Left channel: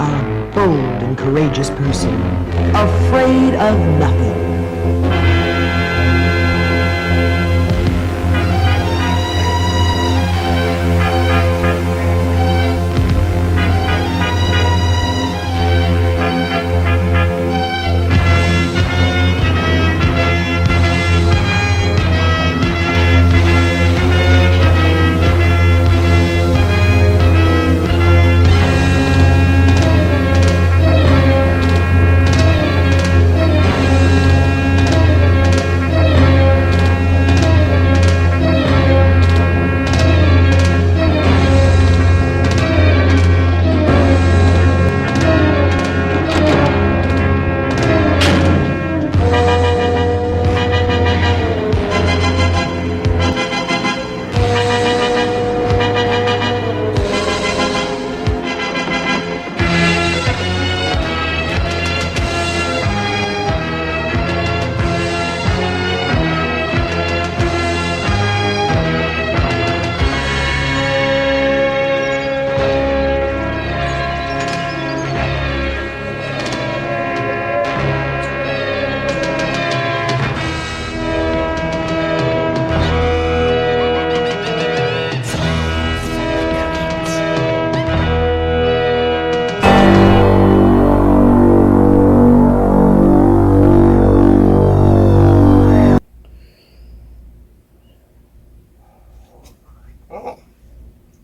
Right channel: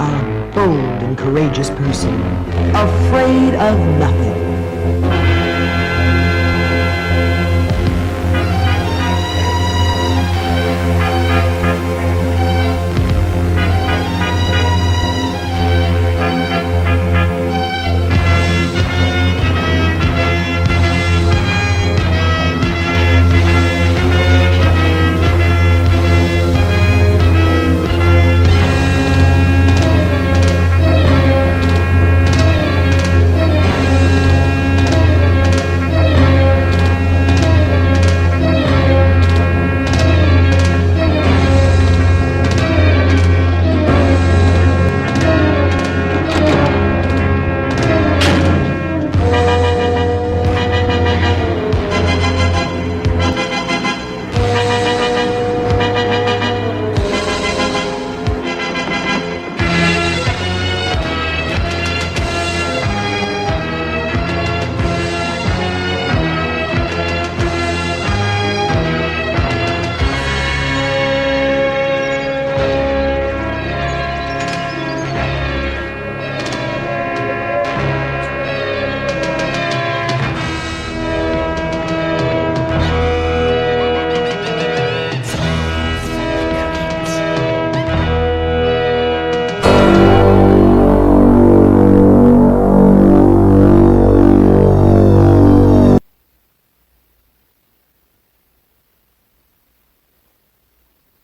are a bold and courageous person, afraid of nothing.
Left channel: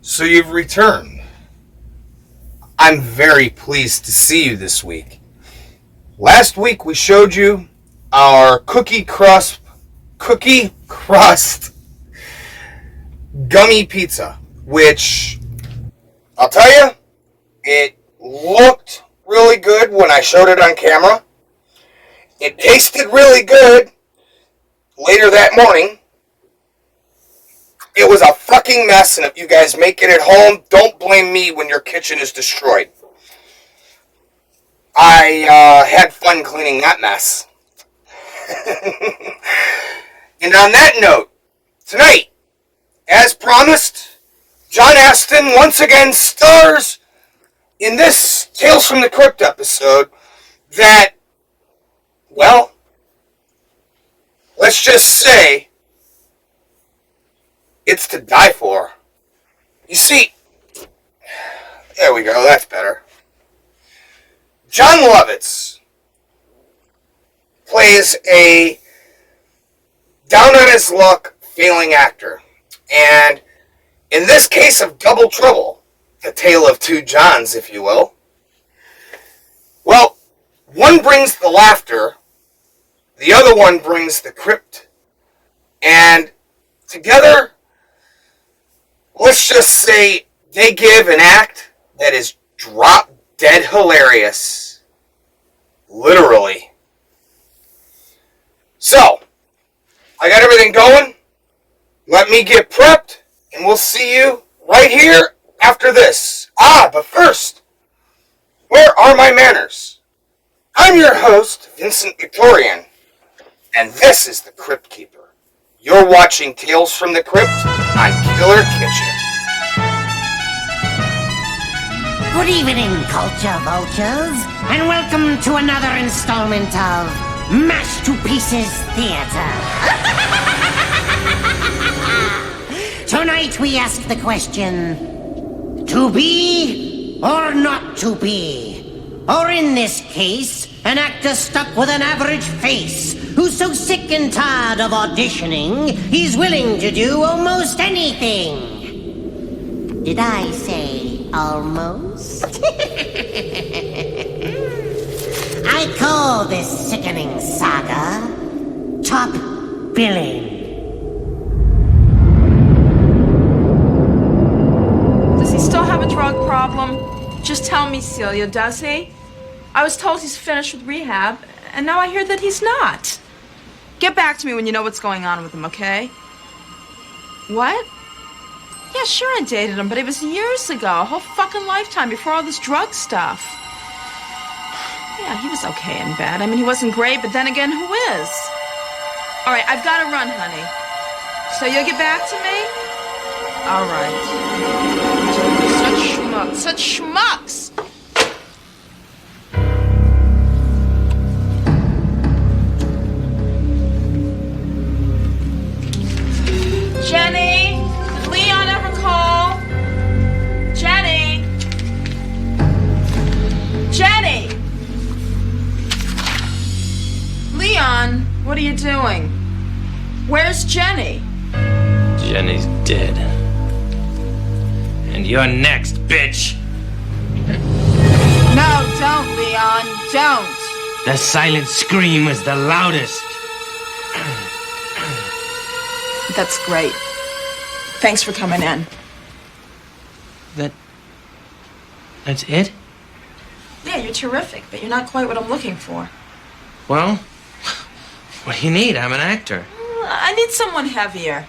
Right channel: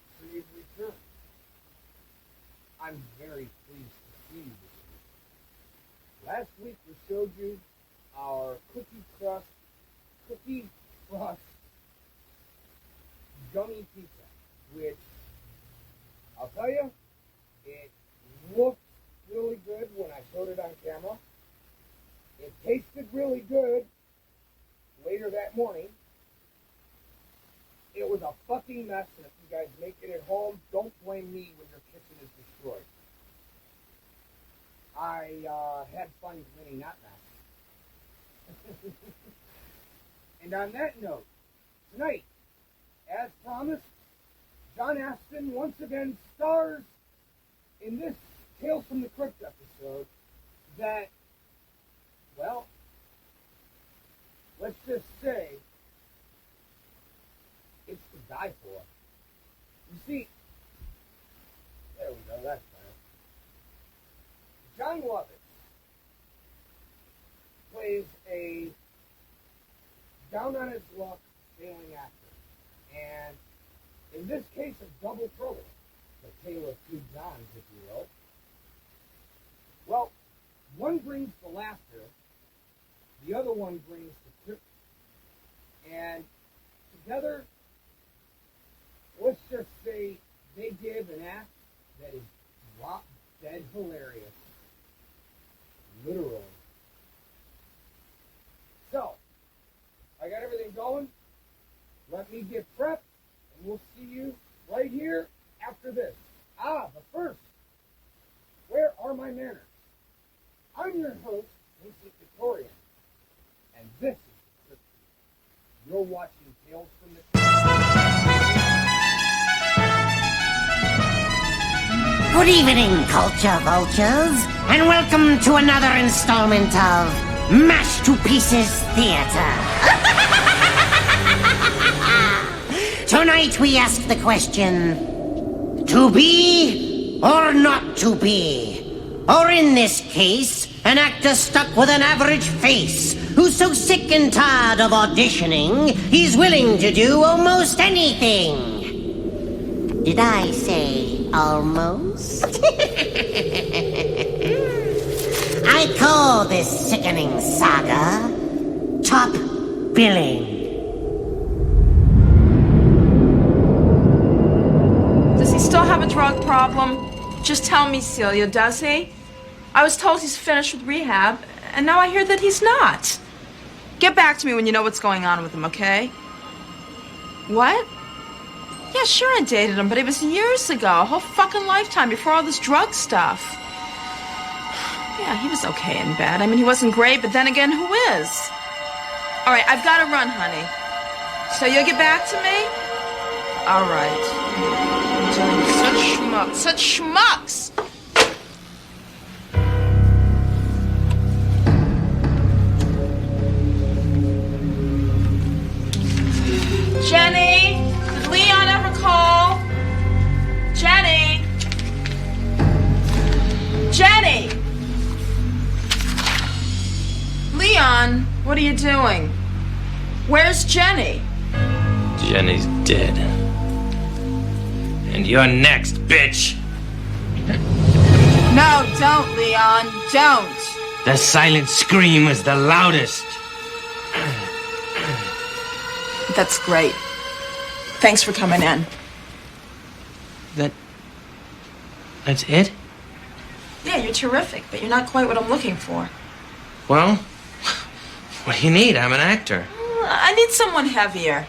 So you've returned. I'm very pleased to see you this week. Last week we showed you our cookie crust gummy pizza, which I'll tell you, it looked really good when I showed it on camera. It tasted really good later that morning. It was a fucking mess, and if you guys make it at home, don't blame me when your kitchen is destroyed. I had fun cleaning that mess. And on that note, tonight, as promised, John Astin once again stars in this Tales from the Crypt episode that, well, let's just say, it's to die for. You see, there we go, that's better. Jon Lovitz plays a down-on-his-luck failing actor. And in this case of Double Trouble, the tale of two Johns, if you will, well, one brings the laughter, the other one brings the crypt. And together, let's just say they give an act that is drop-dead hilarious. Literally. So, I got everything going. Let me get prepped, and we'll see you right here after this. But first, where are my manners? I'm your host, Vincent Victorian, and this is the Crypt Keeper. You're watching Tales from the Crypt on Killer Kitchen. Good evening, culture vultures, and welcome to another installment of Mashed to Pieces Theater. Tonight we ask the question, to be or not to be? Or in this case, an actor stuck with an average face, who's so sick and tired of auditioning, he's willing to do almost anything. Did I say almost? I call this sickening saga Top Billing. Does he still have a drug problem? Just tell me, Celia, does he? I was told he's finished with rehab, and now I hear that he's not. Get back to me when you know what's going on with him, okay? What? Yeah, sure I dated him, but it was years ago, a whole fucking lifetime before all this drug stuff. Yeah, he was okay in bed. I mean, he wasn't great, but then again, who is? All right, I've got to run, honey. So you'll get back to me? All right. Such schmucks. Leon. What are you doing? Where's Jenny? Jenny's dead. And you're next, bitch! No, don't, Leon. Don't. The silent scream is the loudest. That's great. Thanks for coming in. That's it? Yeah, you're terrific, but you're not quite what I'm looking for. Well, what do you need? I'm an actor. I need someone heavier.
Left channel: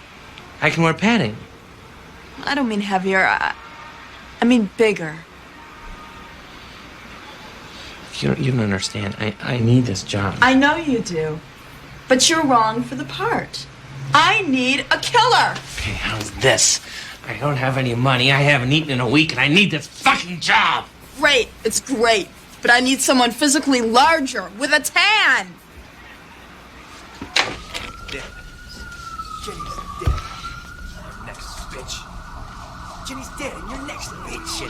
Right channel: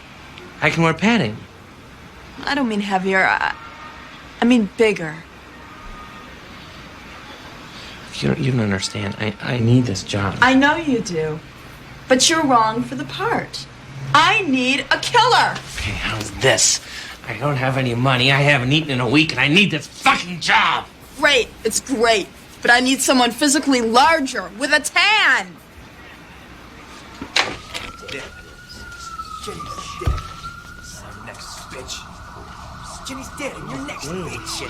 I can wear padding. I don't mean heavier. I mean bigger. You don't understand. I need this job. I know you do. But you're wrong for the part. I need a killer. Okay, how's this? I don't have any money. I haven't eaten in a week, and I need this fucking job. Great. It's great. But I need someone physically larger with a tan. Jenny's dead. You're next, bitch. Jenny's dead, and you're next, bitch.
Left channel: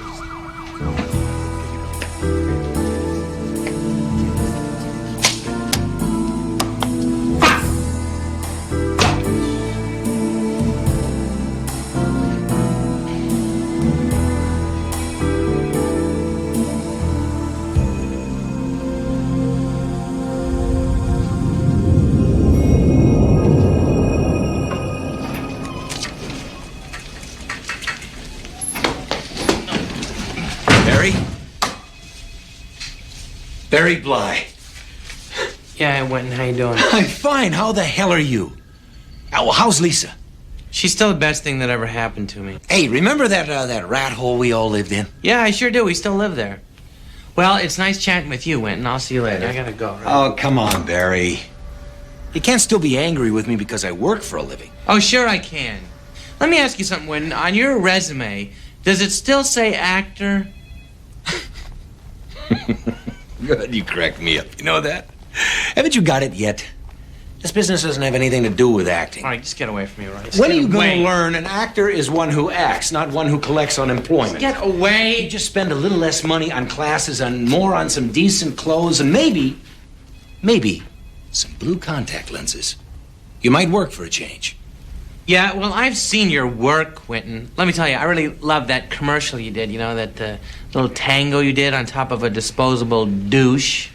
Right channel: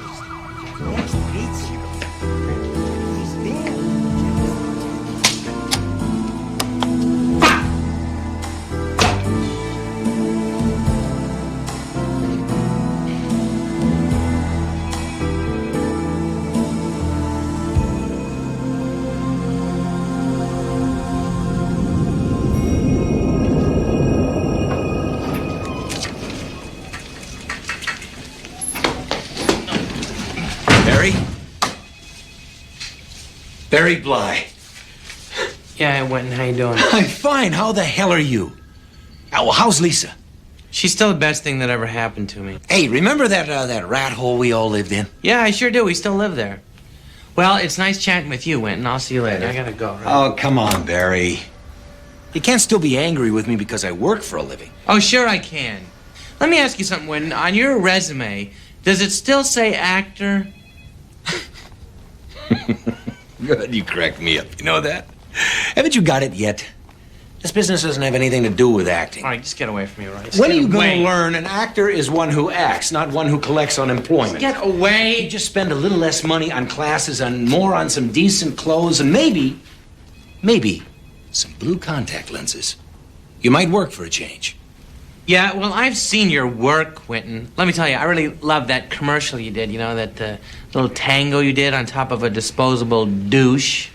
Barry Bly. Yeah, I went. How you doing? I'm fine. How the hell are you? How's Lisa? She's still the best thing that ever happened to me. Hey, remember that rat hole we all lived in? Yeah, I sure do. We still live there. Well, it's nice chatting with you, Winton. I'll see you later. I gotta go. Right? Oh, come on, Barry. You can't still be angry with me because I work for a living. Oh, sure I can. Let me ask you something, Winton. On your resume, does it still say actor? Good, you cracked me up. You know that? Haven't you got it yet? This business doesn't have anything to do with acting. All right, just get away from me, right? When are you going to learn an actor is one who acts, not one who collects unemployment? Get away! You just spend a little less money on classes and more on some decent clothes and maybe some blue contact lenses. You might work for a change. Yeah, well, I've seen your work, Winton. Let me tell you, I really love that commercial you did, you know, that little tango you did on top of a disposable douche.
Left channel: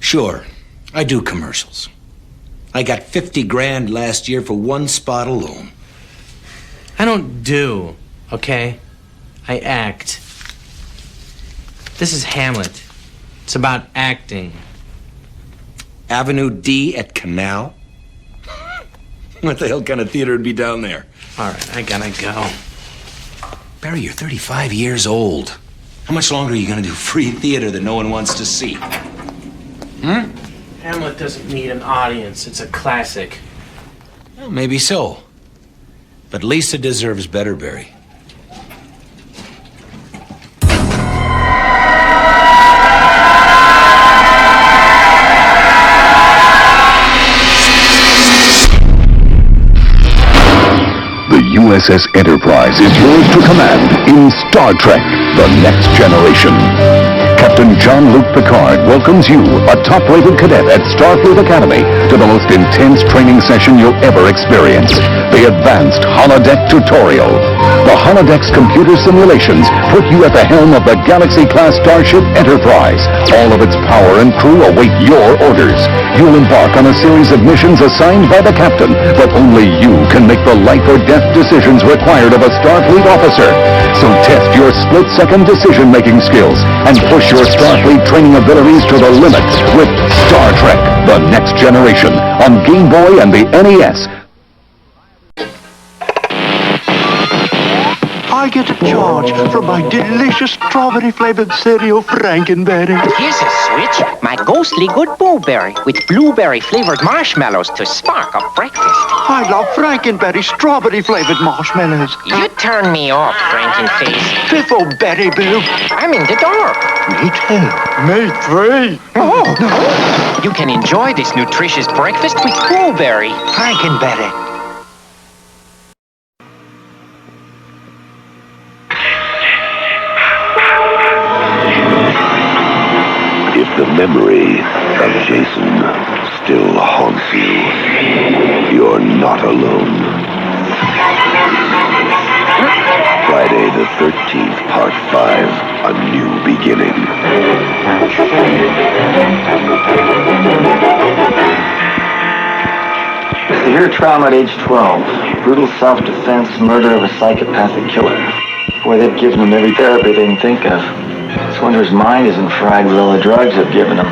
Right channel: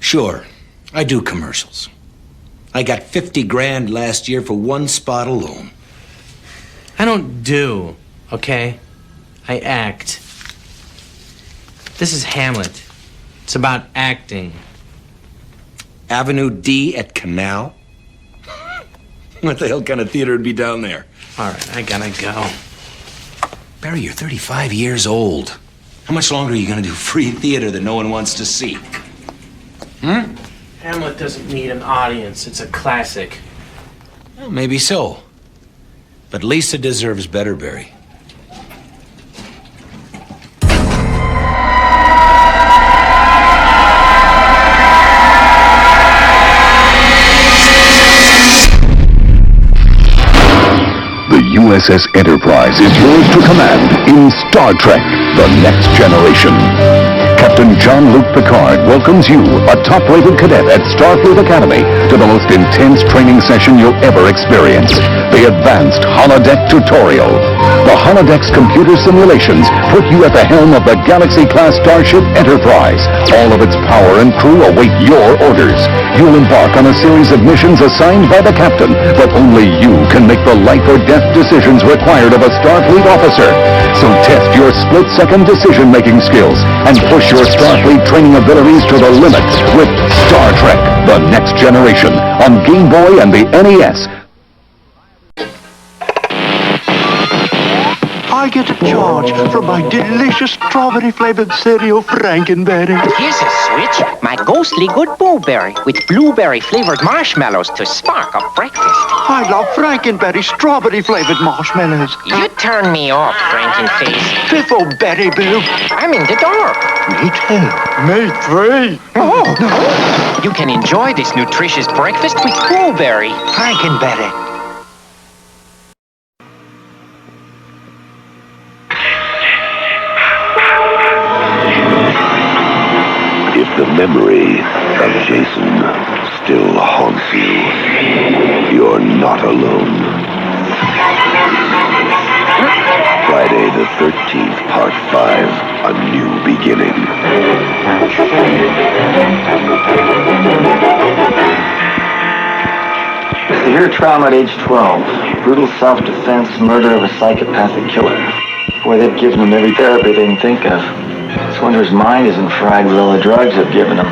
Sure, I do commercials. I got 50 grand last year for one spot alone. I don't do, okay? I act. This is Hamlet. It's about acting. Avenue D at Canal? What the hell kind of theater would be down there? All right, I gotta go. Barry, you're 35 years old. How much longer are you going to do free theater that no one wants to see? Hamlet doesn't need an audience. It's a classic. Well, maybe so. But Lisa deserves better, Barry. The USS Enterprise is yours to command in Star Trek: The Next Generation. Captain Jean-Luc Picard welcomes you, a top-rated cadet at Starfleet Academy, to the most intense training session you'll ever experience, the Advanced Holodeck Tutorial. The Holodeck's computer simulations put you at the helm of the Galaxy-class starship Enterprise. All of its power and crew await your orders. You'll embark on a series of missions assigned by the captain, but only you can make the life-or-death decisions required of a Starfleet officer. So test your split-second decision-making skills and push your Starfleet training abilities to the limit with Star Trek: The Next Generation on Game Boy and the NES. I get a charge from my delicious strawberry-flavored cereal, Frankenberry. Here's a switch. My ghostly good blueberry with blueberry-flavored marshmallows to spark up breakfast. I love Frankenberry strawberry-flavored marshmallows. You turn me off, Frankenface. Fiffle-berry Boo. I'm in the dark. Me too. Me three. Oh, you can enjoy this nutritious breakfast with blueberry. Frankenberry. If the memory of Jason still haunts you, you're not alone. Friday the 13th, Part 5, A New Beginning. Severe trauma at age 12. Brutal self-defense, murder of a psychopathic killer. Boy, they've given him every therapy they can think of. This wonder his mind isn't fried with all the drugs they've given him.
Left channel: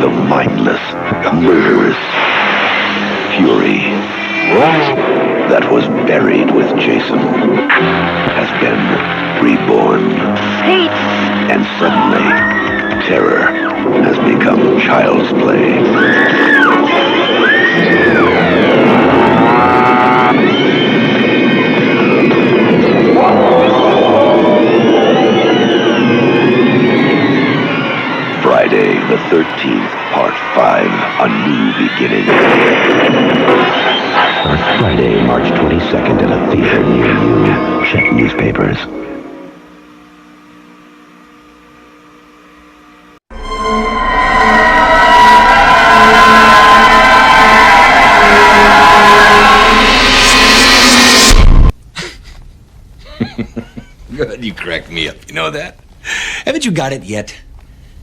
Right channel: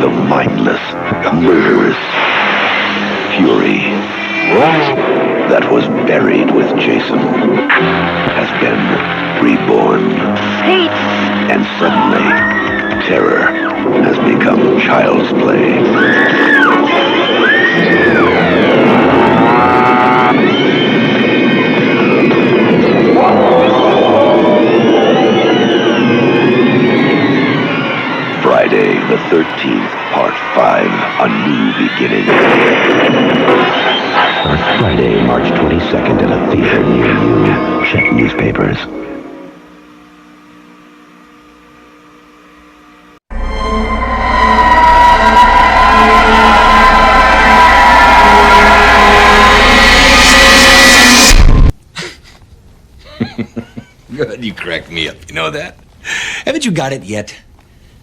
The mindless, murderous fury that was buried with Jason has been reborn. And suddenly, terror has become child's play. Friday the 13th, Part 5, A New Beginning. Friday, March 22nd at a theater near you. Check newspapers. Good, you cracked me up. You know that? Haven't you got it yet?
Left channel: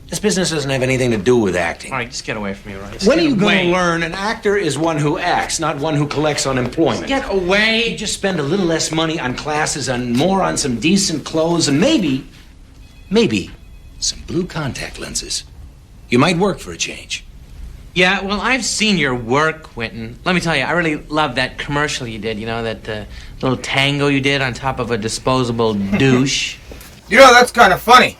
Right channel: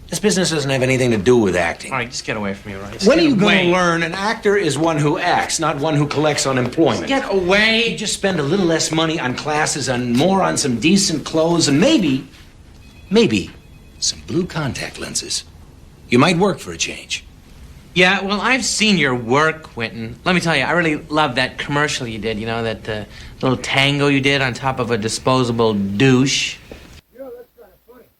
This business doesn't have anything to do with acting. All right, just get away from me, right? When are you going to learn an actor is one who acts, not one who collects unemployment? Get away. Just spend a little less money on classes and more on some decent clothes and maybe some blue contact lenses. You might work for a change. Yeah, well, I've seen your work, Quentin. Let me tell you, I really love that commercial you did, you know, that little tango you did on top of a disposable douche. You know, that's kind of funny.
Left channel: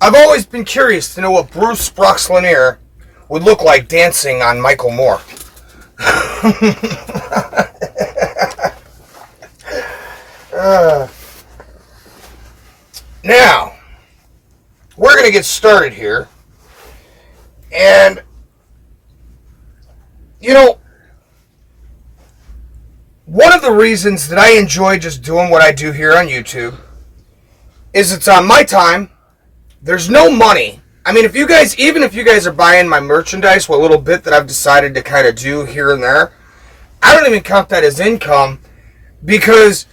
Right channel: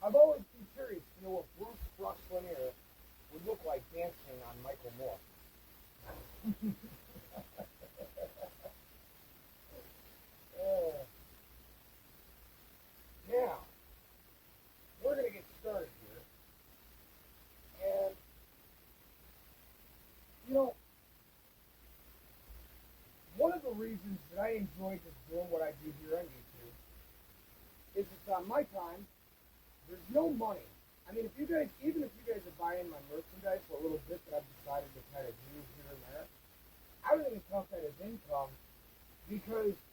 I've always been curious to know what Bruce Sprox-Lanier would look like dancing on Michael Moore. Now, we're going to get started here. And, you know, one of the reasons that I enjoy just doing what I do here on YouTube is it's on my time. There's no money. I mean, even if you guys are buying my merchandise, what little bit that I've decided to kind of do here and there, I don't even count that as income because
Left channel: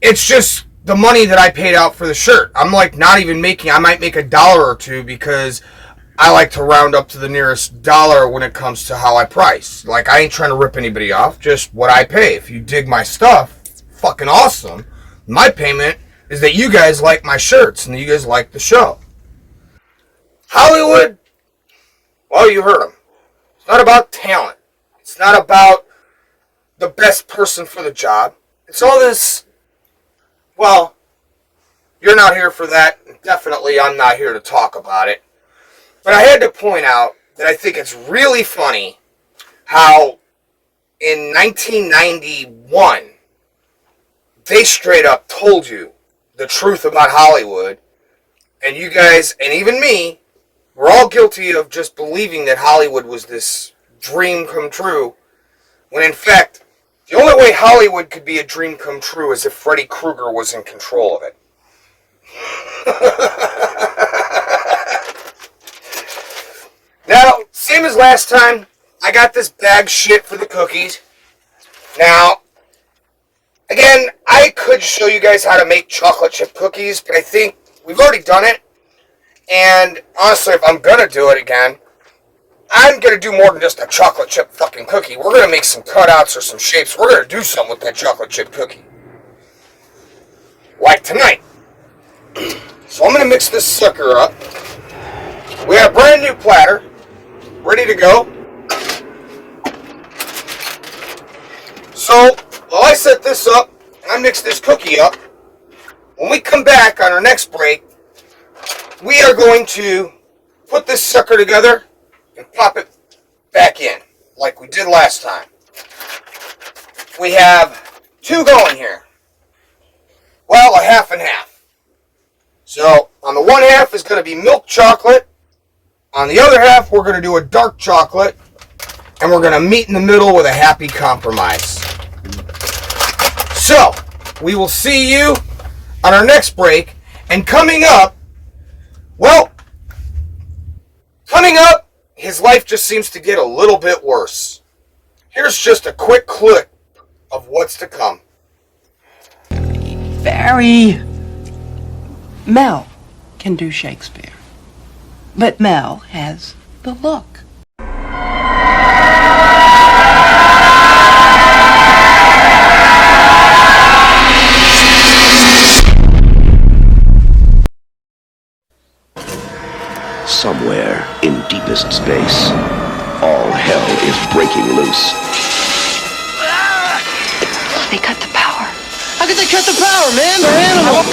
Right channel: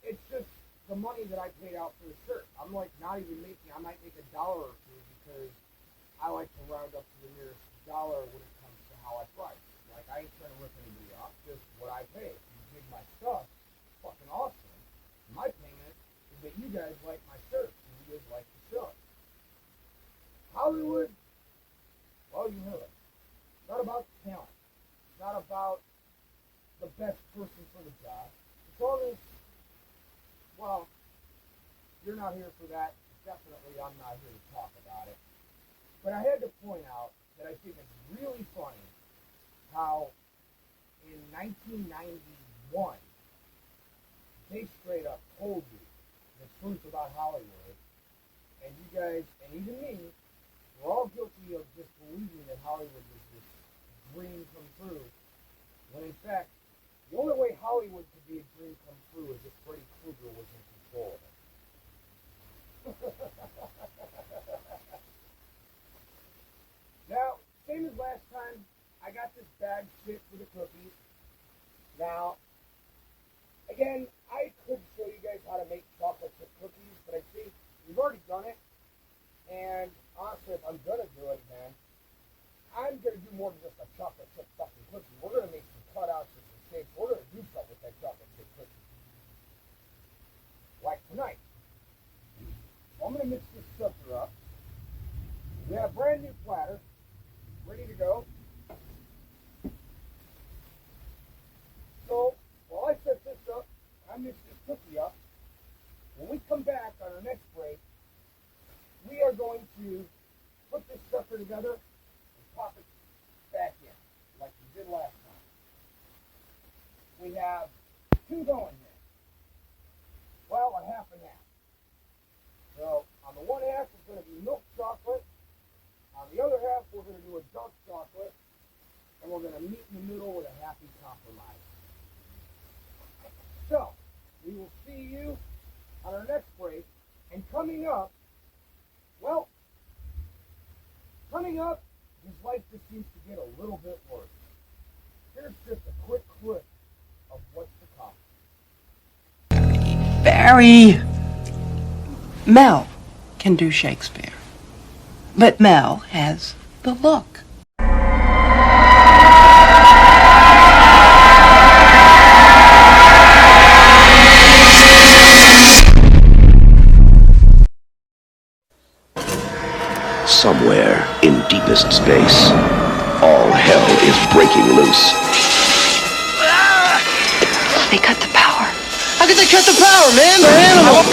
it's just the money that I paid out for the shirt. I'm like not even making, I might make $1 or $2 because I like to round up to the nearest dollar when it comes to how I price. Like, I ain't trying to rip anybody off, just what I pay. If you dig my stuff, it's fucking awesome. My payment is that you guys like my shirts and you guys like the show. Hollywood, well, you heard him. It's not about talent. It's not about the best person for the job. It's all this, well, you're not here for that. Definitely, I'm not here to talk about it. But I had to point out that I think it's really funny how in 1991, they straight up told you the truth about Hollywood. And you guys, and even me, we're all guilty of just believing that Hollywood was this dream come true. When in fact, the only way Hollywood could be a dream come true is if Freddy Krueger was in control of it. Now, same as last time, I got this bag shit for the cookies. Now, again, I could show you guys how to make chocolate chip cookies, but I think we've already done it. And honestly, if I'm gonna do it again, I'm gonna do more than just a chocolate chip fucking cookie. We're gonna make some cutouts or some shapes. We're gonna do something with that chocolate chip cookie. Like tonight. So I'm gonna mix this sucker up. We have a brand new platter, ready to go. So, while I set this up, and I mix this cookie up, when we come back on our next break, we are going to put this sucker together and pop it back in, like we did last time. We have two going here. Well, a half and half. So, on the one half is going to be milk chocolate. On the other half, we're going to do a dark chocolate and we're gonna meet in the middle with a happy compromise. So, we will see you on our next break, and coming up, his life just seems to get a little bit worse. Here's just a quick clip of what's to come. Barry, Mel can do Shakespeare, but Mel has the look. Somewhere in deepest space, all hell is breaking loose. They cut the power. How could they cut the power, man? They're animals.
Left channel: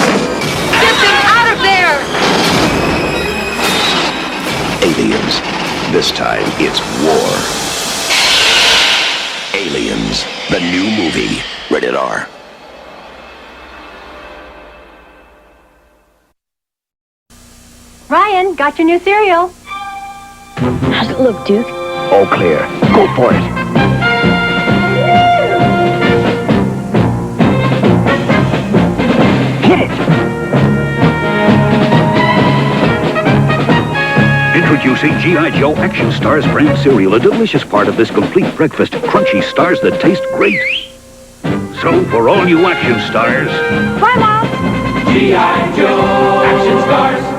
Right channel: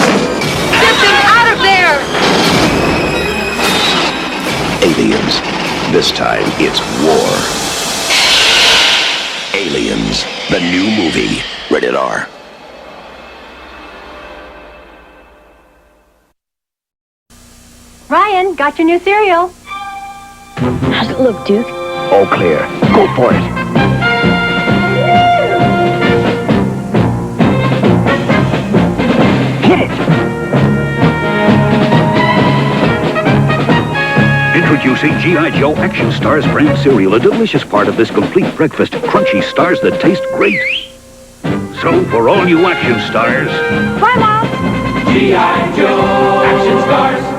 Get them out of there! Aliens. This time it's war. Aliens, the new movie. Rated R. Ryan, got your new cereal. How's it look, Duke? All clear. Go for it. Hit it! Introducing G.I. Joe Action Stars brand cereal, a delicious part of this complete breakfast. Crunchy stars that taste great. So, for all you action stars... Bye, Mom! G.I. Joe Action Stars!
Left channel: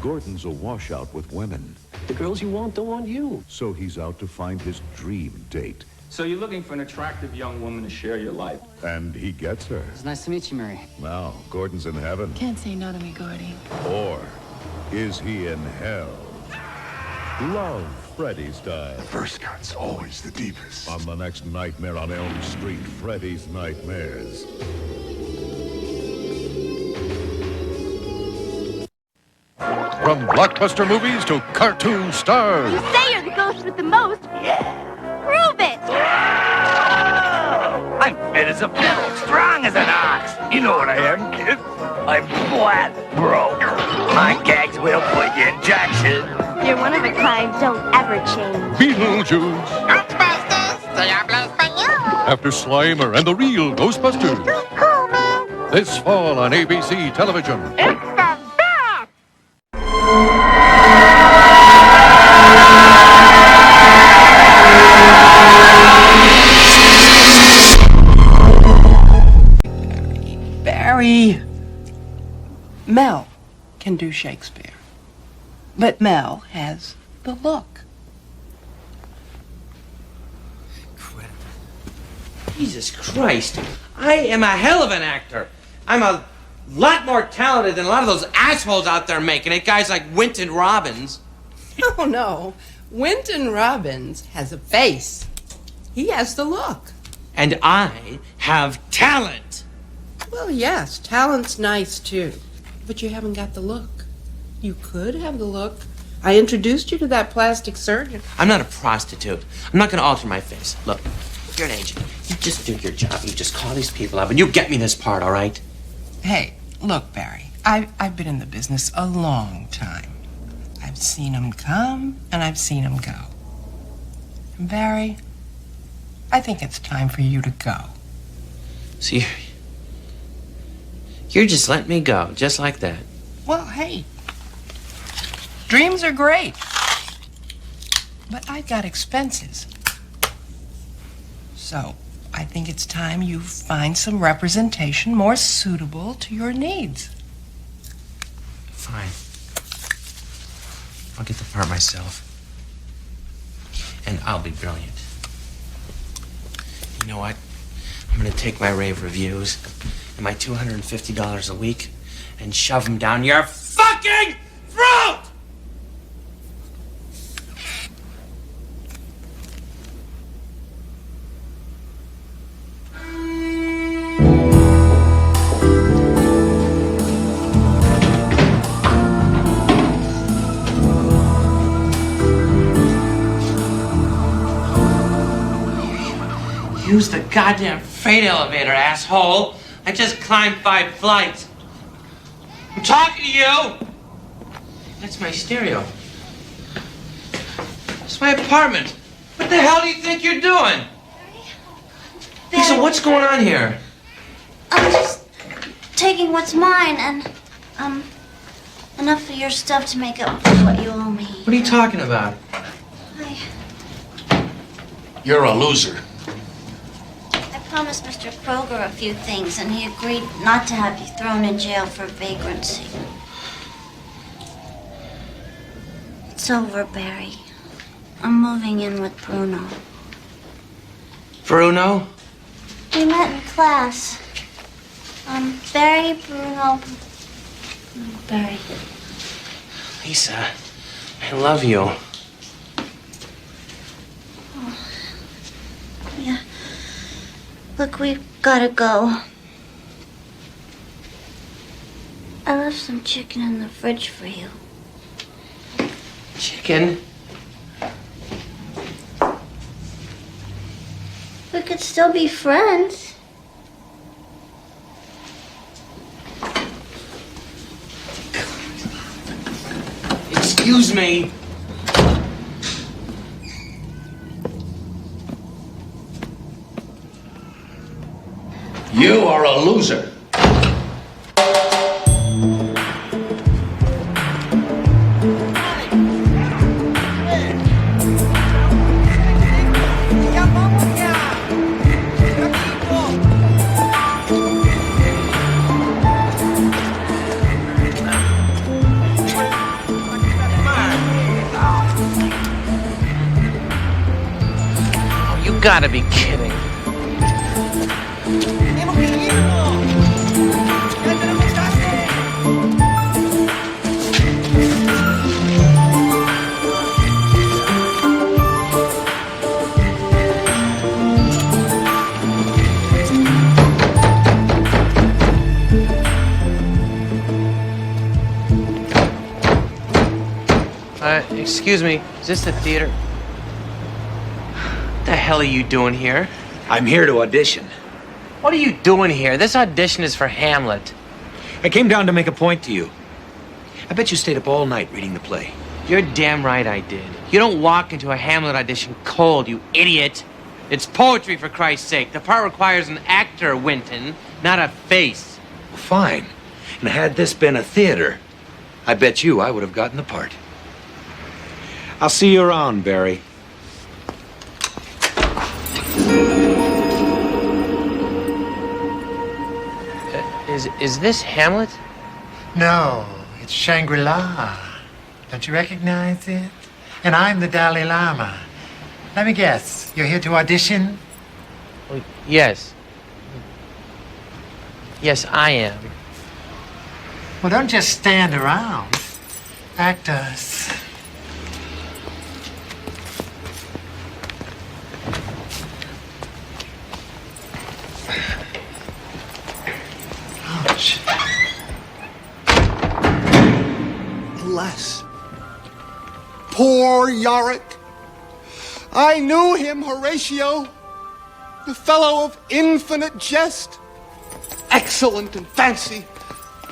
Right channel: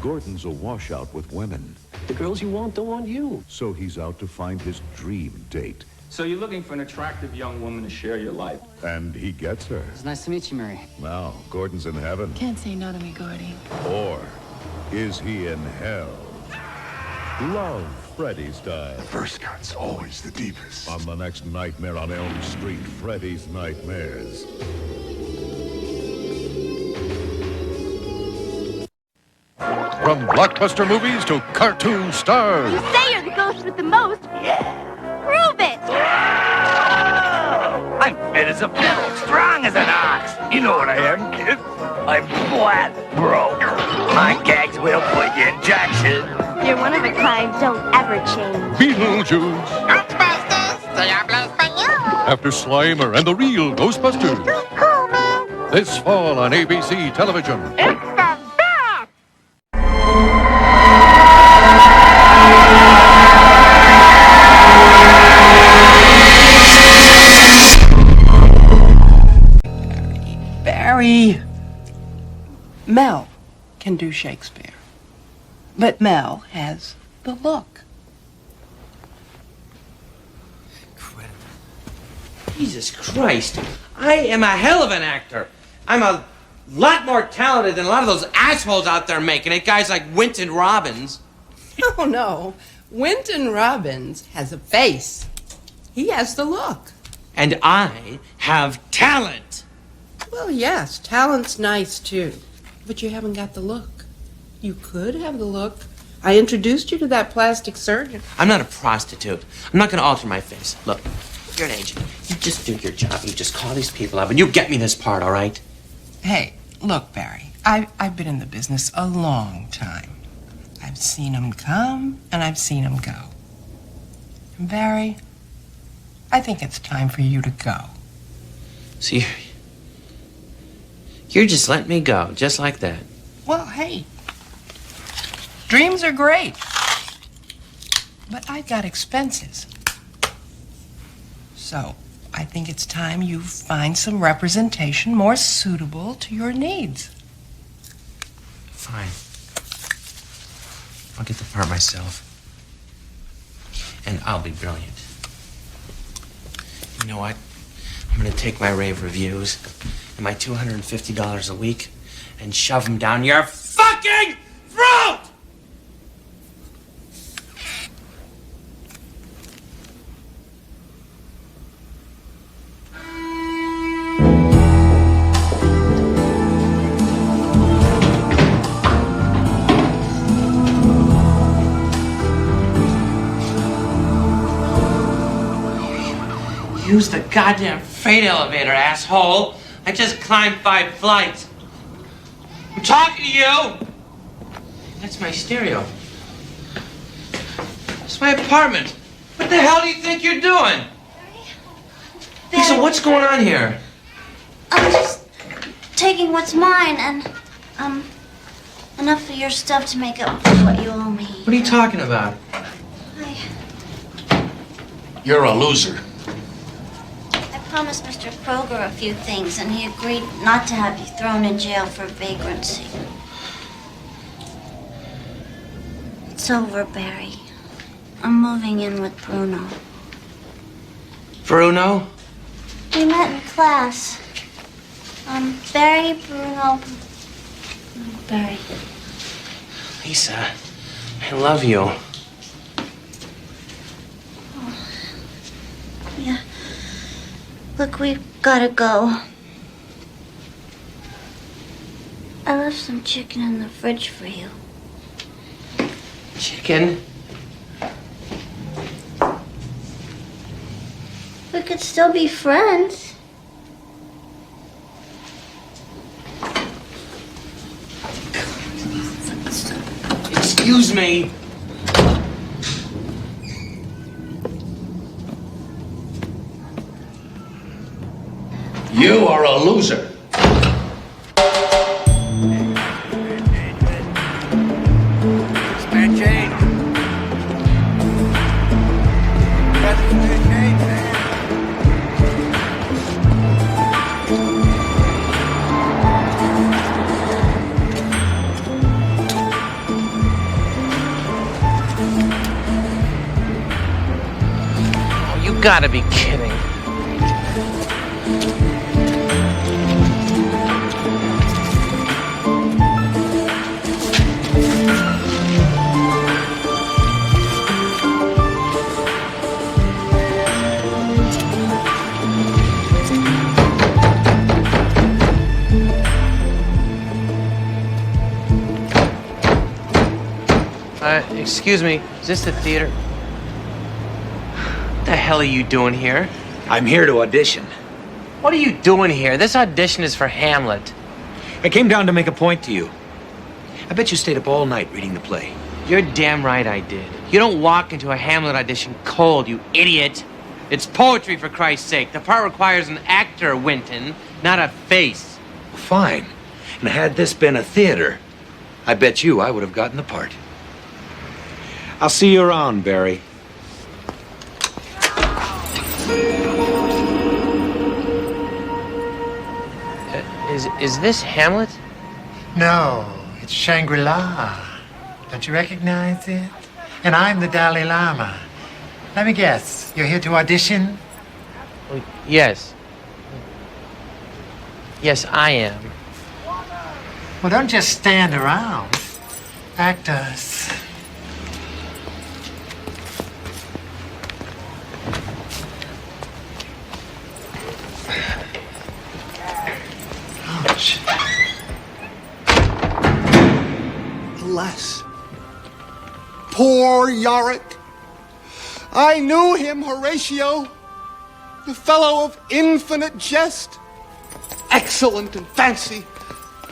Gordon's a washout with women. The girls you want don't want you. So he's out to find his dream date. So you're looking for an attractive young woman to share your life. And he gets her. It's nice to meet you, Mary. Now, Gordon's in heaven. Can't say no to me, Gordy. Or is he in hell? Love Freddy style. The first cut's always the deepest. On the next Nightmare on Elm Street, Freddy's Nightmares. From blockbuster movies to cartoon stars. You say you're the ghost with the most. Yeah. Prove it. I'm fit as a fiddle, strong as an ox. You know what I am, kid. I'm flat broke. My gags will put you in Jackson. You're one of a kind. Don't ever change. Beetlejuice. Ghostbusters. Diablo Español. After Slimer and the real Ghostbusters. Cool, man. This fall on ABC television. It's the best. Barry, Mel can do Shakespeare, but Mel has the look. Jesus Christ. I am a hell of an actor. I'm a lot more talented than a lot of those assholes out there making it. Guys like Winton Robbins. Oh, no. Winton Robbins has a face. He has the look. And I have talent. Well, yes, talent's nice, too. But you haven't got the look. You could have the look. I introduced you to that plastic surgeon. I'm not a prostitute. I'm not going to alter my face. Look, you're an agent. You just do your job. You just call these people up and you get me this part, all right? Hey, look, Barry, I've been in the business a long time. I've seen them come and I've seen them go. And Barry, I think it's time for you to go. See, you're just letting me go, just like that. Well, hey, dreams are great, but I've got expenses. So, I think it's time you find some representation more suitable to your needs. Fine. I'll get the part myself. And I'll be brilliant. You know what? I'm gonna take my rave reviews and my $250 a week and shove them down your fucking throat! Use the goddamn freight elevator, asshole. I just climbed 5 flights. I'm talking to you. That's my stereo. It's my apartment. What the hell do you think you're doing? Lisa, what's going on here? I'm just taking what's mine and, enough of your stuff to make up for what you owe me. What are you talking about? You're a loser. I promised Mr. Kroger a few things, and he agreed not to have you thrown in jail for vagrancy. It's over, Barry. I'm moving in with Bruno. Bruno? We met in class. Barry, Bruno, Barry. Lisa, I love you. Oh. Yeah. Look, we've gotta go. I left some chicken in the fridge for you. Chicken? We could still be friends. Excuse me. You are a loser. Oh, you gotta be kidding. Excuse me, is this the theater? What the hell are you doing here? I'm here to audition. What are you doing here? This audition is for Hamlet. I came down to make a point to you. I bet you stayed up all night reading the play. You're damn right I did. You don't walk into a Hamlet audition cold, you idiot. It's poetry, for Christ's sake. The part requires an actor, Winton, not a face. Fine. And had this been a theater, I bet you I would have gotten the part. I'll see you around, Barry. Is this Hamlet? No, it's Shangri-La. Don't you recognize it? And I'm the Dalai Lama. Let me guess, you're here to audition? Well, yes. Yes, I am. Well, don't just stand around. Act us. Ouch. Alas, poor Yorick. I knew him, Horatio, the fellow of infinite jest, excellent in fancy.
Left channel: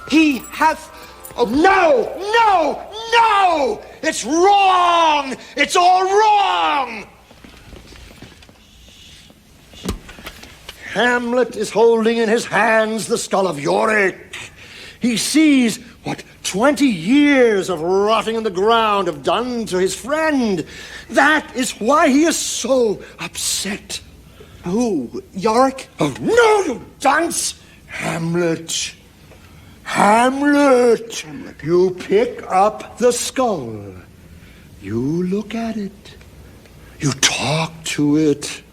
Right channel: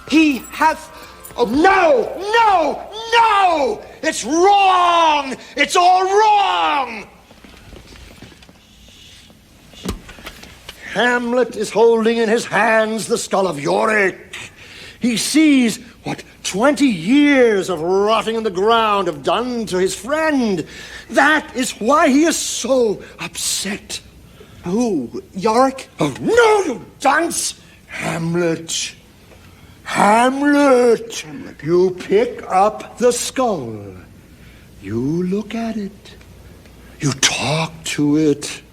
He hath a... No! No! No! It's wrong! It's all wrong! Hamlet is holding in his hands the skull of Yorick. He sees what 20 years of rotting in the ground have done to his friend. That is why he is so upset. Who? Yorick? Oh, no, you dunce! Hamlet. Hamlet. You pick up the skull. You look at it. You talk to it.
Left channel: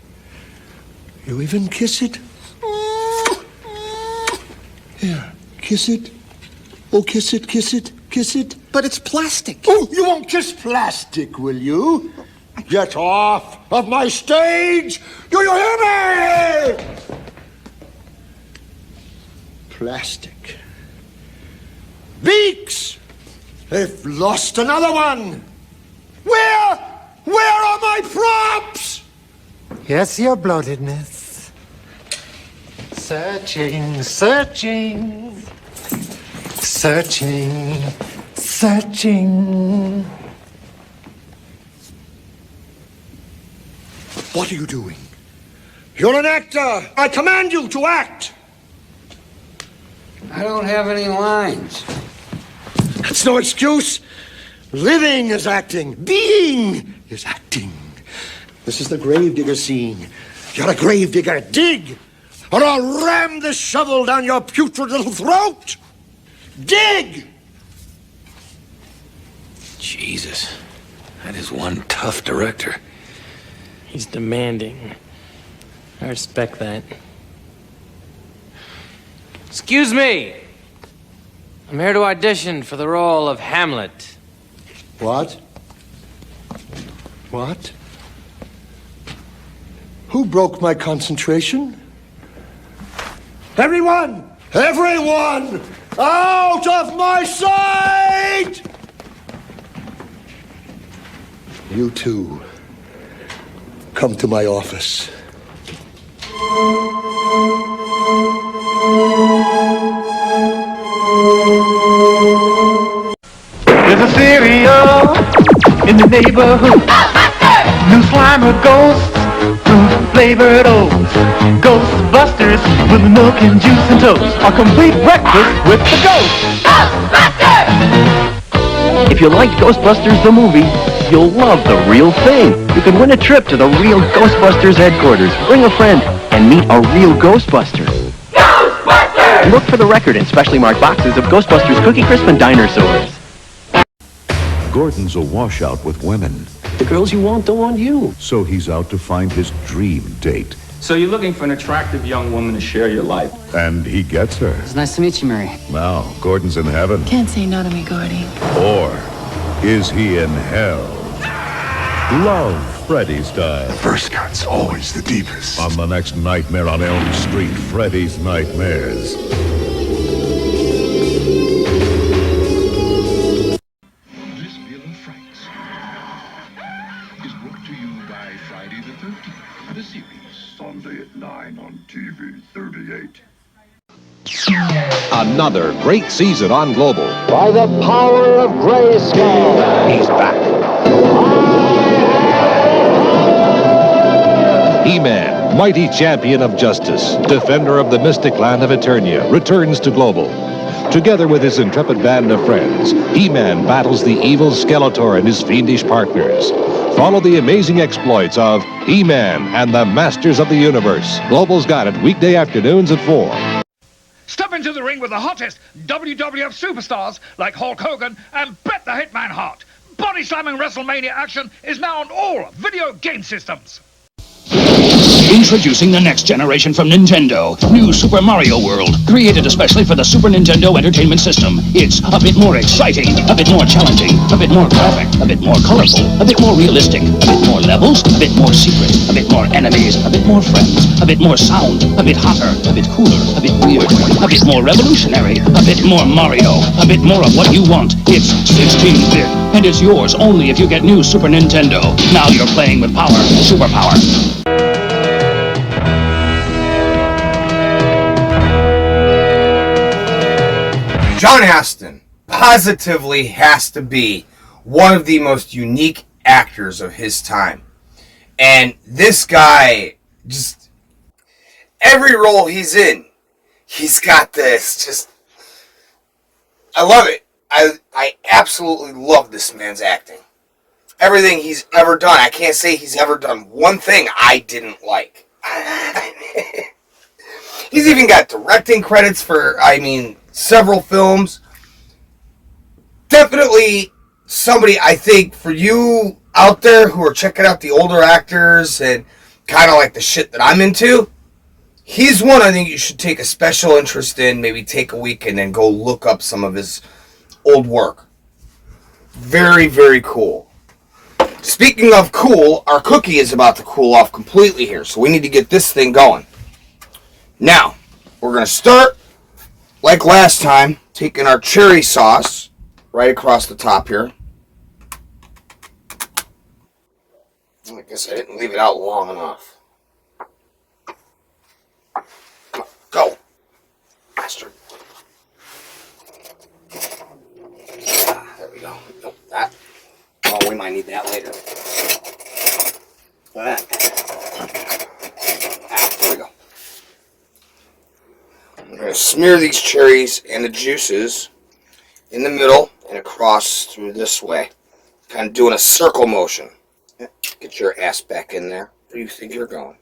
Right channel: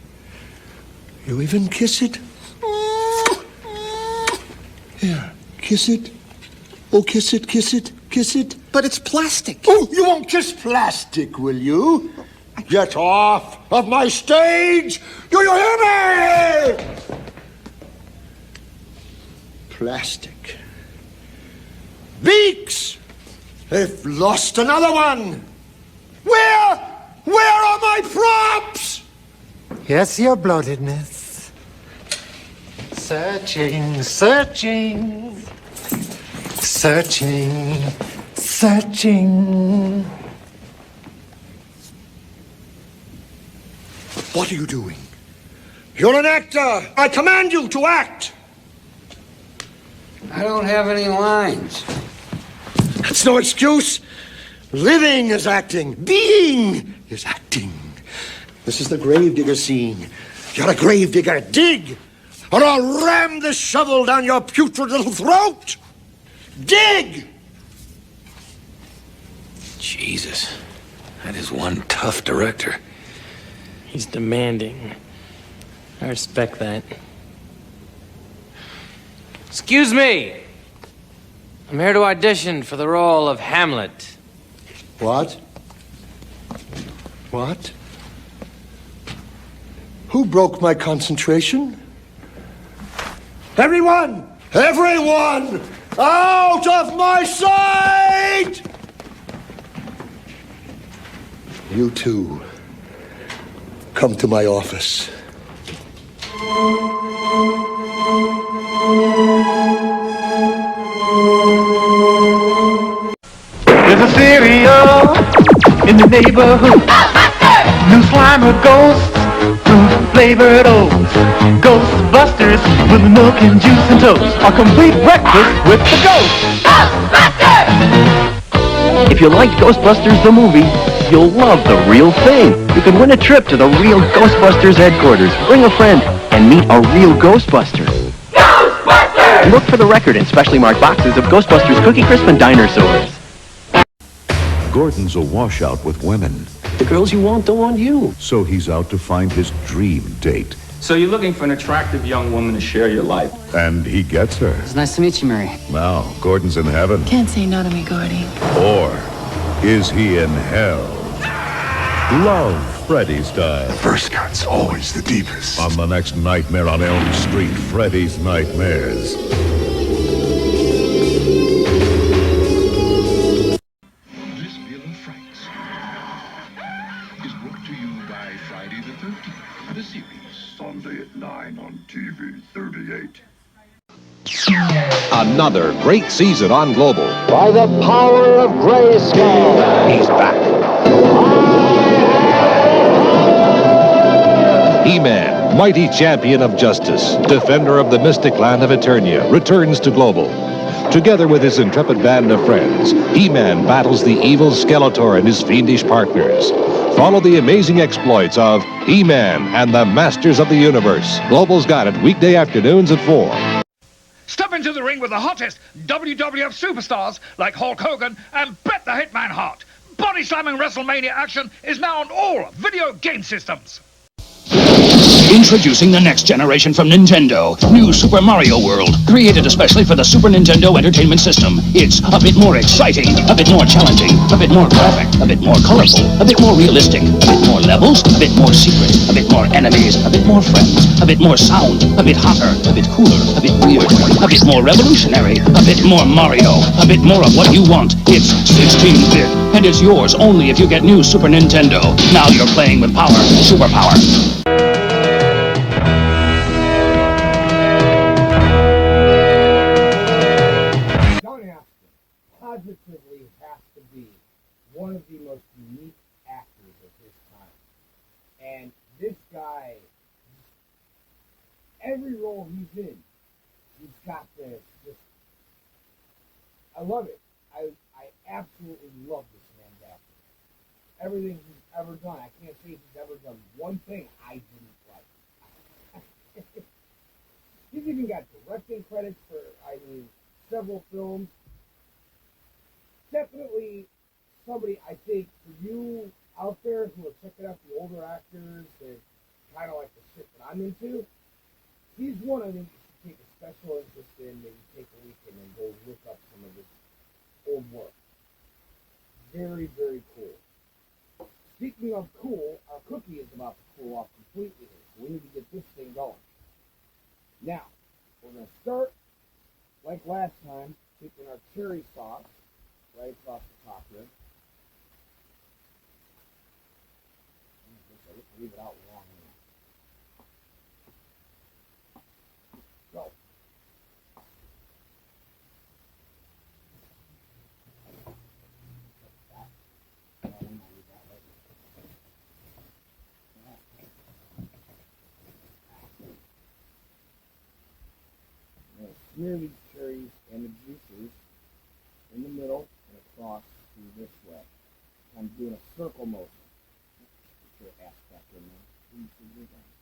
You even kiss it. Here, kiss it. Oh, kiss it, kiss it, kiss it. But it's plastic. Oh, you won't kiss plastic, will you? Get off of my stage! Do you hear me? Plastic. Beaks! They've lost another one. Where are my props? Yes, your bloatedness. Searching, searching, searching, searching. What are you doing? You're an actor. I command you to act. I don't have any lines. That's no excuse. Living is acting. Being is acting. This is the gravedigger scene. You're a gravedigger. Dig, or I'll ram this shovel down your putrid little throat. Dig! Jesus, that is one tough director. He's demanding. I respect that. Excuse me. I'm here to audition for the role of Hamlet. What? What? Who broke my concentration? Everyone! Everyone! Out of my sight! You too. Come to my office. There's a cereal in the neighborhood. New Slimer ghosts, fruit flavored oats. Ghostbusters with milk and juice and toast. A complete breakfast with the ghosts. Ghostbusters! If you liked Ghostbusters the movie, you'll love the real thing. You can win a trip to the real Ghostbusters headquarters. Bring a friend and meet a real Ghostbuster. Ghostbusters! Look for the record in specially marked boxes of Ghostbusters Cookie Crisp and Dinosaurs. Gordon's a washout with women. The girls you want don't want you. So he's out to find his dream date. So you're looking for an attractive young woman to share your life. And he gets her. It's nice to meet you, Mary. Now, Gordon's in heaven. Can't say no to me, Gordy. Or is he in hell? Love Freddy style. First cut's always the deepest. On the next Nightmare on Elm Street, Freddy's Nightmares. This Villa Franks is brought to you by Friday the 13th, the series. Sunday at 9 on TV 38. Another great season on Global. By the power of Grayskull. He's back. He-Man, mighty champion of justice, defender of the mystic land of Eternia, returns to Global. Together with his intrepid band of friends, He-Man battles the evil Skeletor and his fiendish partners. Follow the amazing exploits of He-Man and the Masters of the Universe. Global's got it weekday afternoons at 4. Step into the ring with the hottest WWF superstars like Hulk Hogan and Bret the Hitman Hart. Body slamming WrestleMania action is now on all video game systems. Introducing the next generation from Nintendo, New Super Mario World, created especially for the Super Nintendo Entertainment System. It's a bit more exciting, a bit more challenging, a bit more graphic, a bit more colorful, a bit more realistic, a bit more levels, a bit more secret, a bit more enemies, a bit more friends, a bit more sound, a bit hotter, a bit cooler, a bit weird, a bit more revolutionary, a bit more Mario, a bit more of what you want. It's 16-bit, and it's yours only if you get New Super Nintendo. Now you're playing with power, superpower. John Astin positively has to be one of the most unique actors of his time. And this guy, just every role he's in, he's got this, just, I love it. I absolutely love this man's acting. Everything he's ever done, I can't say he's ever done one thing I didn't like. He's even got directing credits for, several films. Definitely somebody, I think, for you out there who are checking out the older actors and kind of like the shit that I'm into, he's one I think you should take a special interest in, maybe take a week and then go look up some of his old work. Very, very cool. Speaking of cool, our cookie is about to cool off completely here, so we need to get this thing going. Now, we're going to start like last time, taking our cherry sauce right across the top here. I guess I didn't leave it out long enough. Come on, go. Bastard. There we go. Nope, that. Oh, we might need that later. Look at that. smear these cherries and the juices in the middle and across through this way. Kind of doing a circle motion. Get your ass back in there. Where do you think you're going?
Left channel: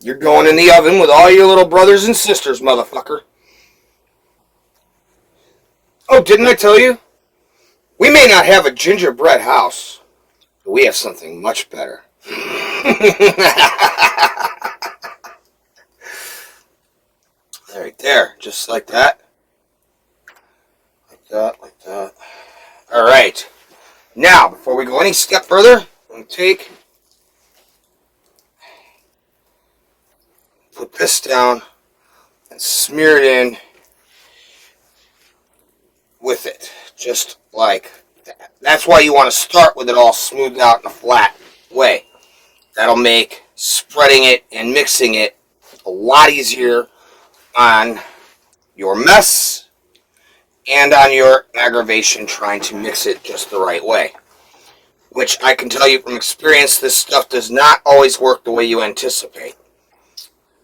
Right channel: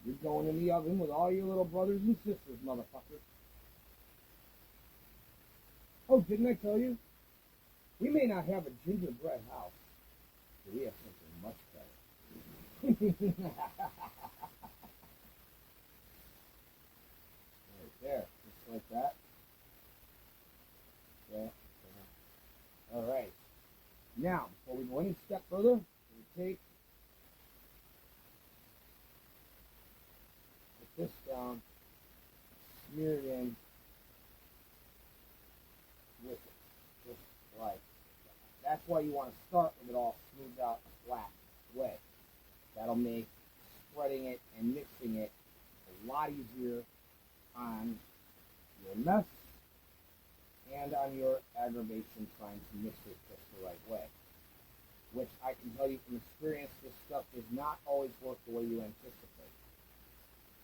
You're going in the oven with all your little brothers and sisters, motherfucker. Oh, didn't I tell you? We may not have a gingerbread house, but we have something much better. Right there, just like that. Like that, like that. All right. Now, before we go any step further, I'm going to put this down and smear it in with it, just like that. That's why you want to start with it all smoothed out in a flat way. That'll make spreading it and mixing it a lot easier on your mess and on your aggravation trying to mix it just the right way. Which I can tell you from experience, this stuff does not always work the way you anticipate.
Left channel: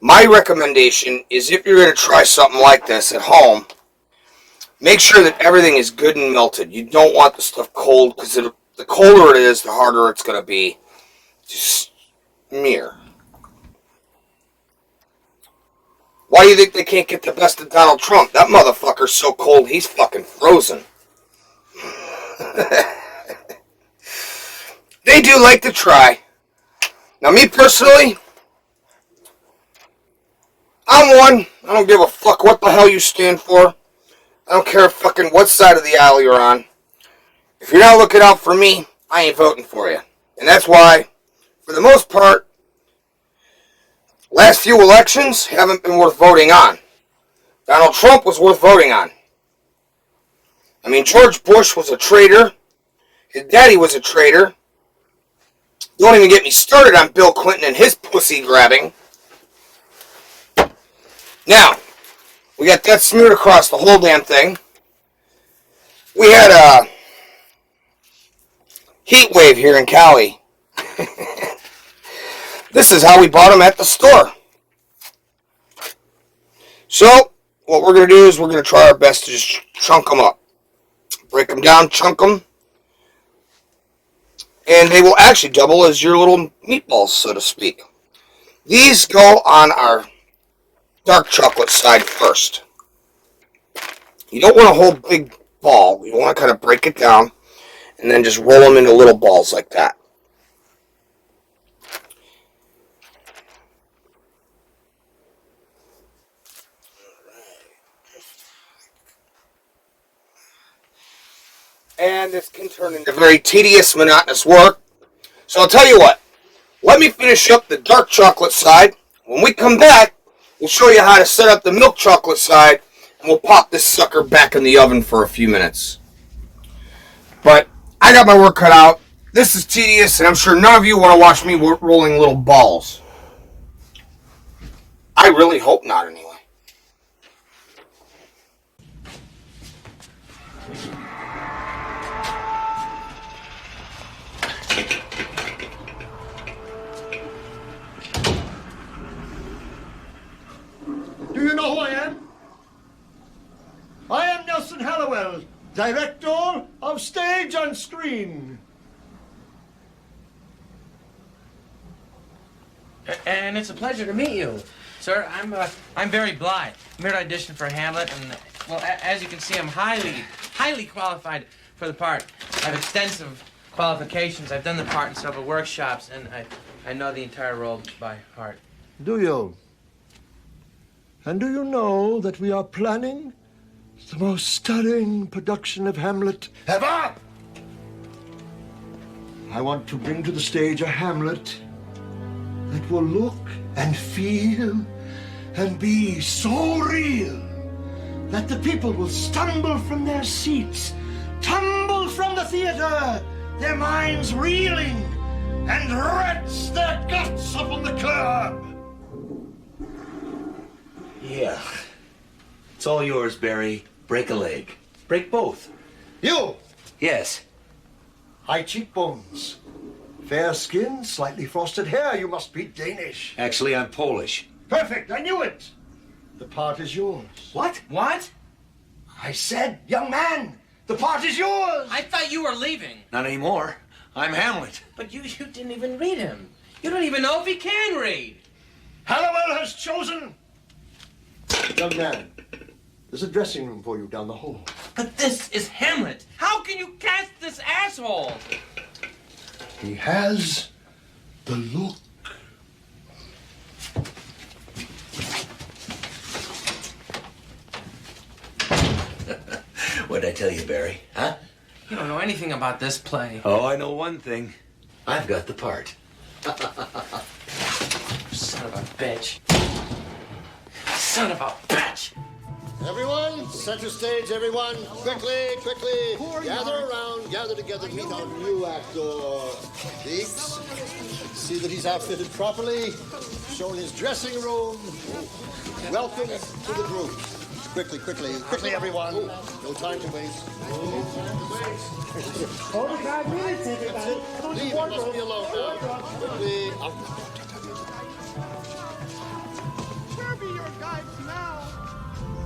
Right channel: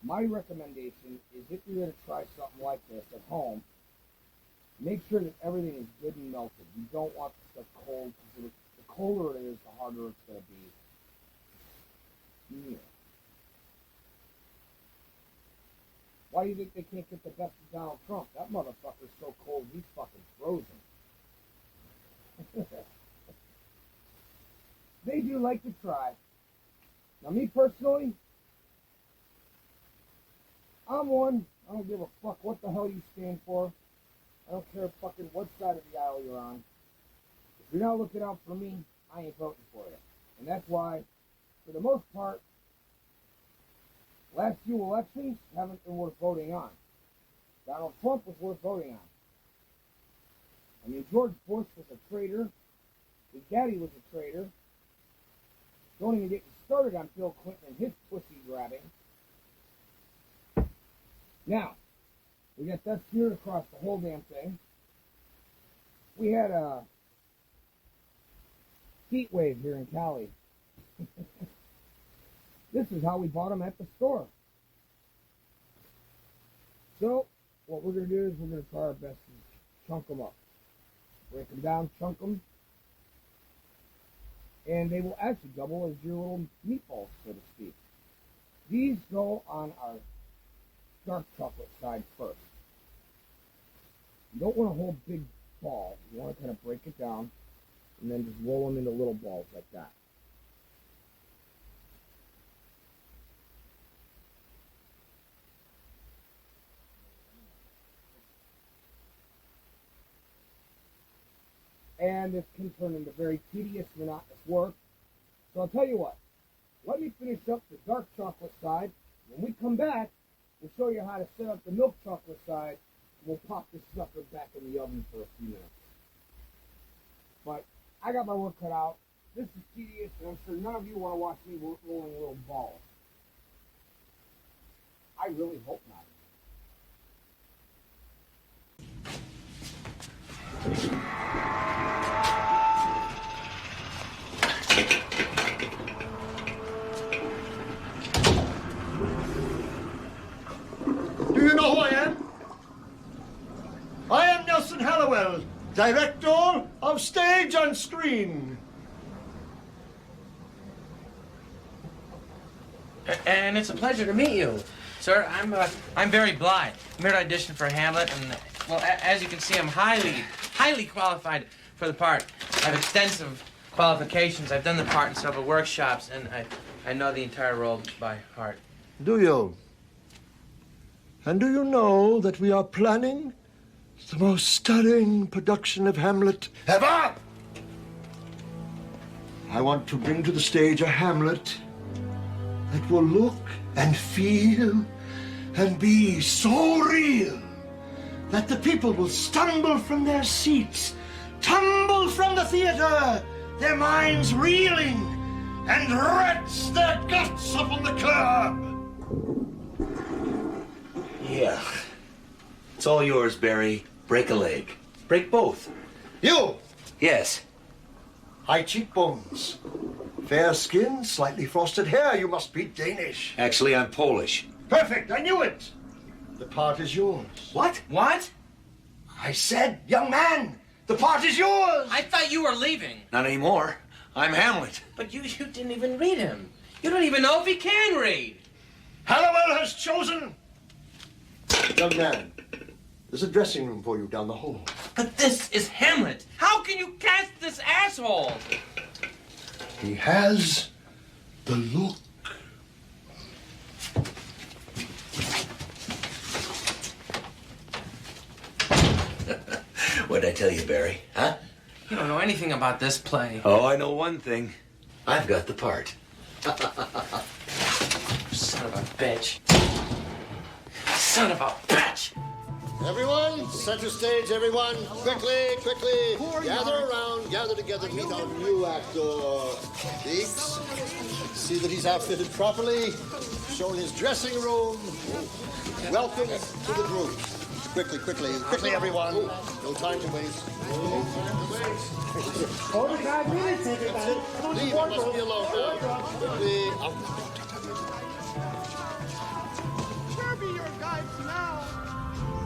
My recommendation is if you're going to try something like this at home, make sure that everything is good and melted. You don't want the stuff cold, because the colder it is, the harder it's going to be to smear. Why do you think they can't get the best of Donald Trump? That motherfucker's so cold, he's fucking frozen. They do like to try. Now, me personally, I'm one. I don't give a fuck what the hell you stand for. I don't care fucking what side of the aisle you're on. If you're not looking out for me, I ain't voting for you. And that's why, for the most part, last few elections haven't been worth voting on. Donald Trump was worth voting on. I mean, George Bush was a traitor. His daddy was a traitor. Don't even get me started on Bill Clinton and his pussy grabbing. Now, we got that smeared across the whole damn thing. We had a heat wave here in Cali. This is how we bought them at the store. So, what we're going to do is we're going to try our best to just chunk them up. Break them down, chunk them. And they will actually double as your little meatballs, so to speak. These go on our dark chocolate side first. You don't want a whole big ball. You want to kind of break it down and then just roll them into little balls like that. And this can turn into very tedious, monotonous work. So I'll tell you what. Let me finish up the dark chocolate side. When we come back, we'll show you how to set up the milk chocolate side, and we'll pop this sucker back in the oven for a few minutes. But I got my work cut out. This is tedious, and I'm sure none of you want to watch me rolling little balls. I really hope not, anyway. Do you know who I am? I am Nelson Hallowell, director of stage and screen. And it's a pleasure to meet you, sir. I'm Barry Bly. I'm here to audition for Hamlet, and well, as you can see, I'm highly qualified for the part. I have extensive qualifications. I've done the part in several workshops, and I know the entire role by heart. Do you? And do you know that we are planning the most stunning production of Hamlet ever? I want to bring to the stage a Hamlet that will look and feel and be so real that the people will stumble from their seats, tumble from the theater, their minds reeling, and wrench their guts up on the curb. Yeah. It's all yours, Barry. Break a leg. Break both. You! Yes. High cheekbones. Fair skin, slightly frosted hair. You must be Danish. Actually, I'm Polish. Perfect, I knew it. The part is yours. What? What? I said, young man, the part is yours. I thought you were leaving. Not anymore. I'm Hamlet. But you didn't even read him. You don't even know if he can read. Hannibal has chosen. Young man, there's a dressing room for you down the hall. But this is Hamlet. How can you cast this asshole? He has the look. What'd I tell you, Barry? Huh? You don't know anything about this play. Oh, I know one thing. I've got the part. Son of a bitch. Son of a bitch. Everyone, center stage, everyone. Quickly, quickly. Gather around, gather together, meet our new actor. Deeks, see that he's outfitted properly, shown his dressing room. Welcome to the group. Quickly, quickly, quickly, everyone. No time to waste. No time to waste. 45 minutes, everybody. Leave, you must be alone now. Quickly, out. Sure be your guides now.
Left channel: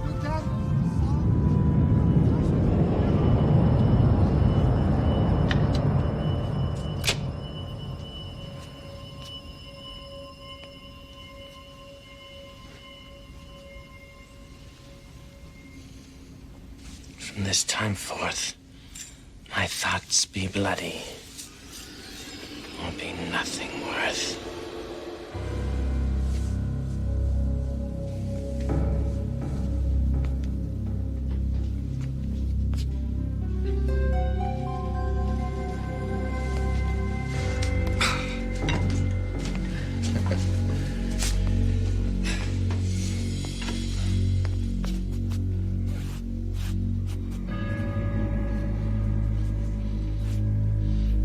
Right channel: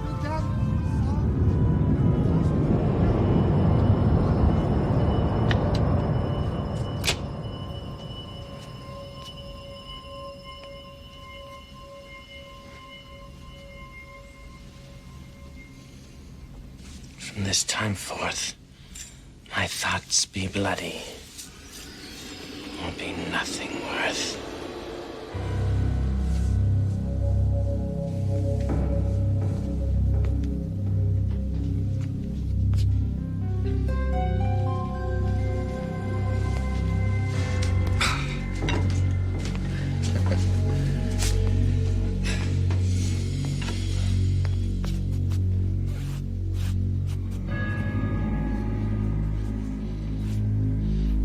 Sit down. From this time forth, my thoughts be bloody, or be nothing worth.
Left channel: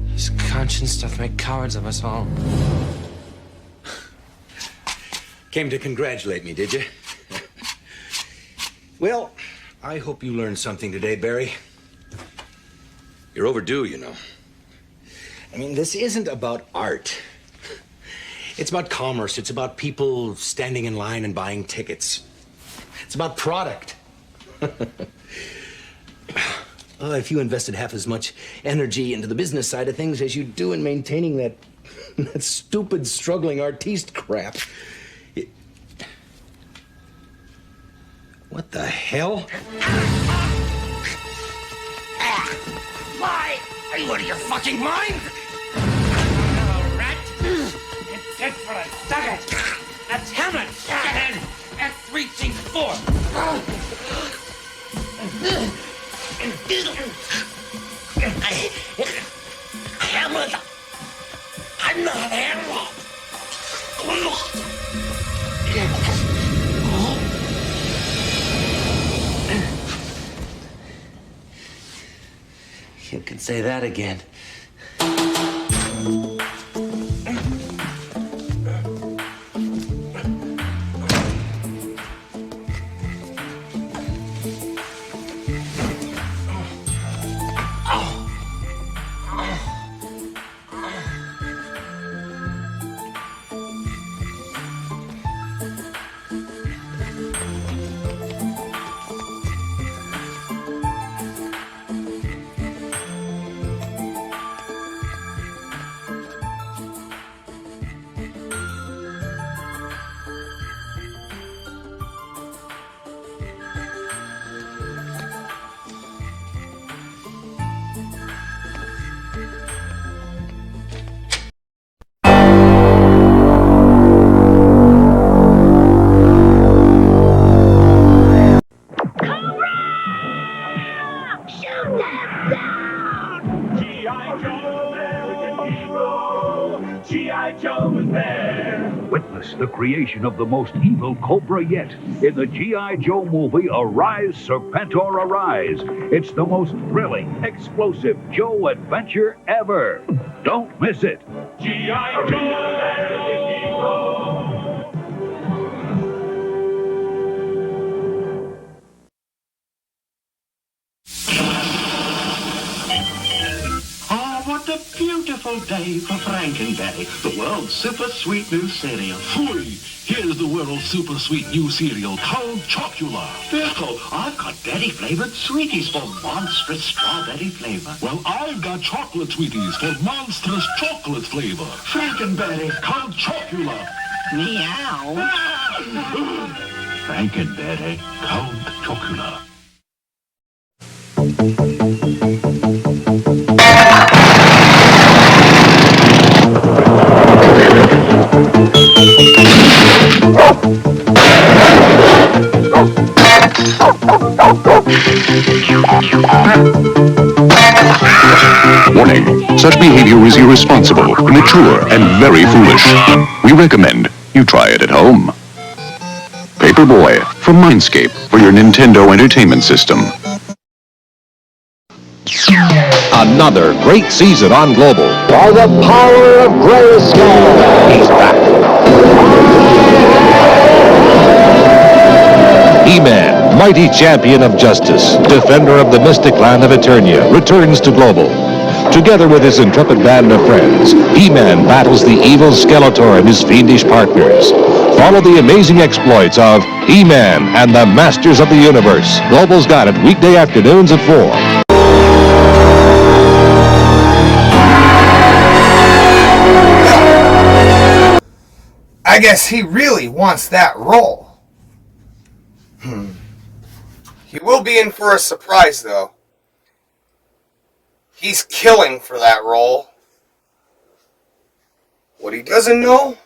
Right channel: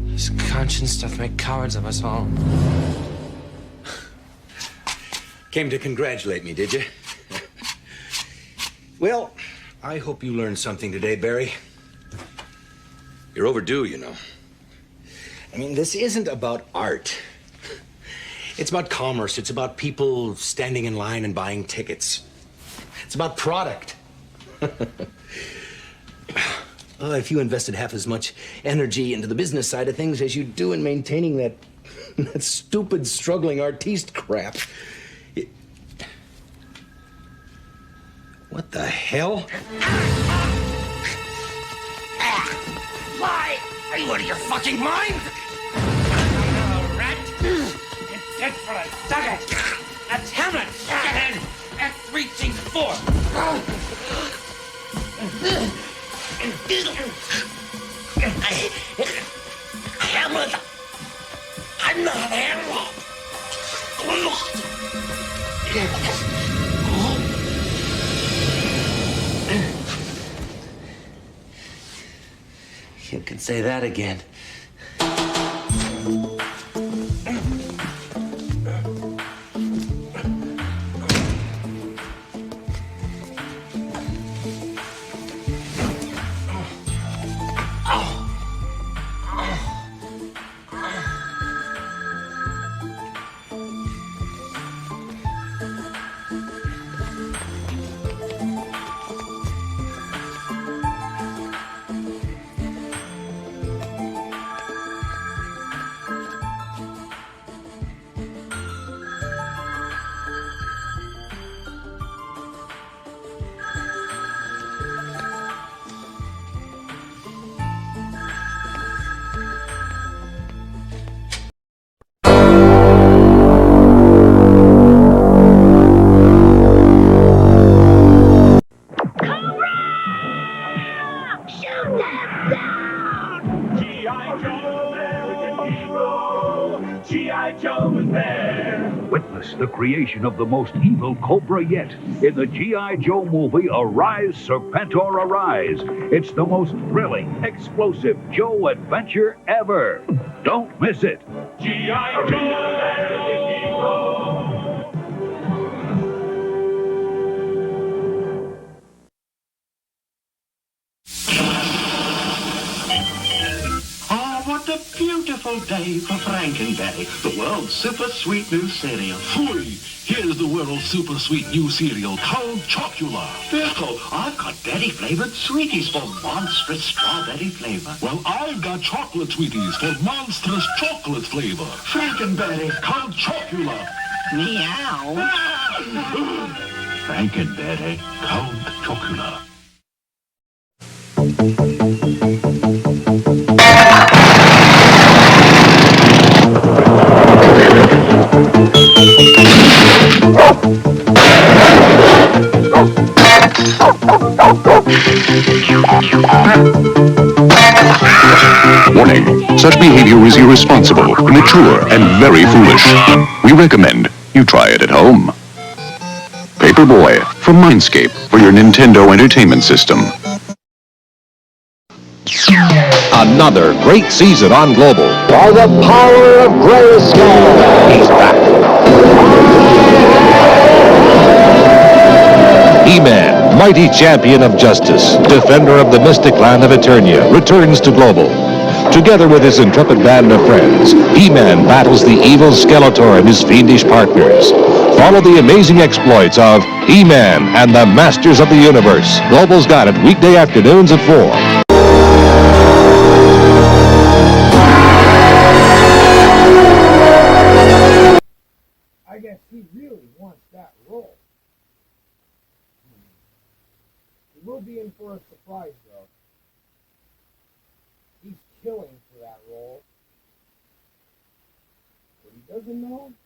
This conscience doth make cowards of us all. Came to congratulate me, did you? Well, I hope you learned something today, Barry. You're overdue, you know. I mean, this isn't about art. It's about commerce. It's about people standing in line and buying tickets. It's about product. Oh, if you invested half as much energy into the business side of things as you do in maintaining that stupid, struggling artiste crap. What the hell? Why? Are you out of your fucking mind? Rat! It's dead for a second! That's Hamlet! Get in! F3C4! Hamlet! I'm not Hamlet! You can say that again. Witness the creation of the most evil Cobra yet in the G.I. Joe movie Arise, Serpentor Arise. It's the most thrilling, explosive Joe adventure ever. Don't miss it. G.I. Joe! Oh, what a beautiful day ready for Frankenberry, the world's super sweet new cereal. Fui! Here's the world's super sweet new cereal, Count Chocula. Bill, I've got berry-flavored sweeties for monstrous strawberry flavor. Well, I've got chocolate sweeties for monstrous chocolate flavor. Frankenberry. Count Chocula. Meow. Frankenberry, Count Chocula. Warning, such behavior is irresponsible, immature, and very foolish. We recommend you try it at home. Paperboy from Mindscape for your Nintendo Entertainment System. Another great season on Global. By the power of Grayskull, he's back. He-Man, mighty champion of justice, defender of the mystic land of Eternia, returns to Global. Together with his intrepid band of friends, He-Man battles the evil Skeletor and his fiendish partners. Follow the amazing exploits of He-Man and the Masters of the Universe. Global's got it weekday afternoons at 4. I guess he really wants that role. He will be in for a surprise, though. He's killing for that role. What he doesn't know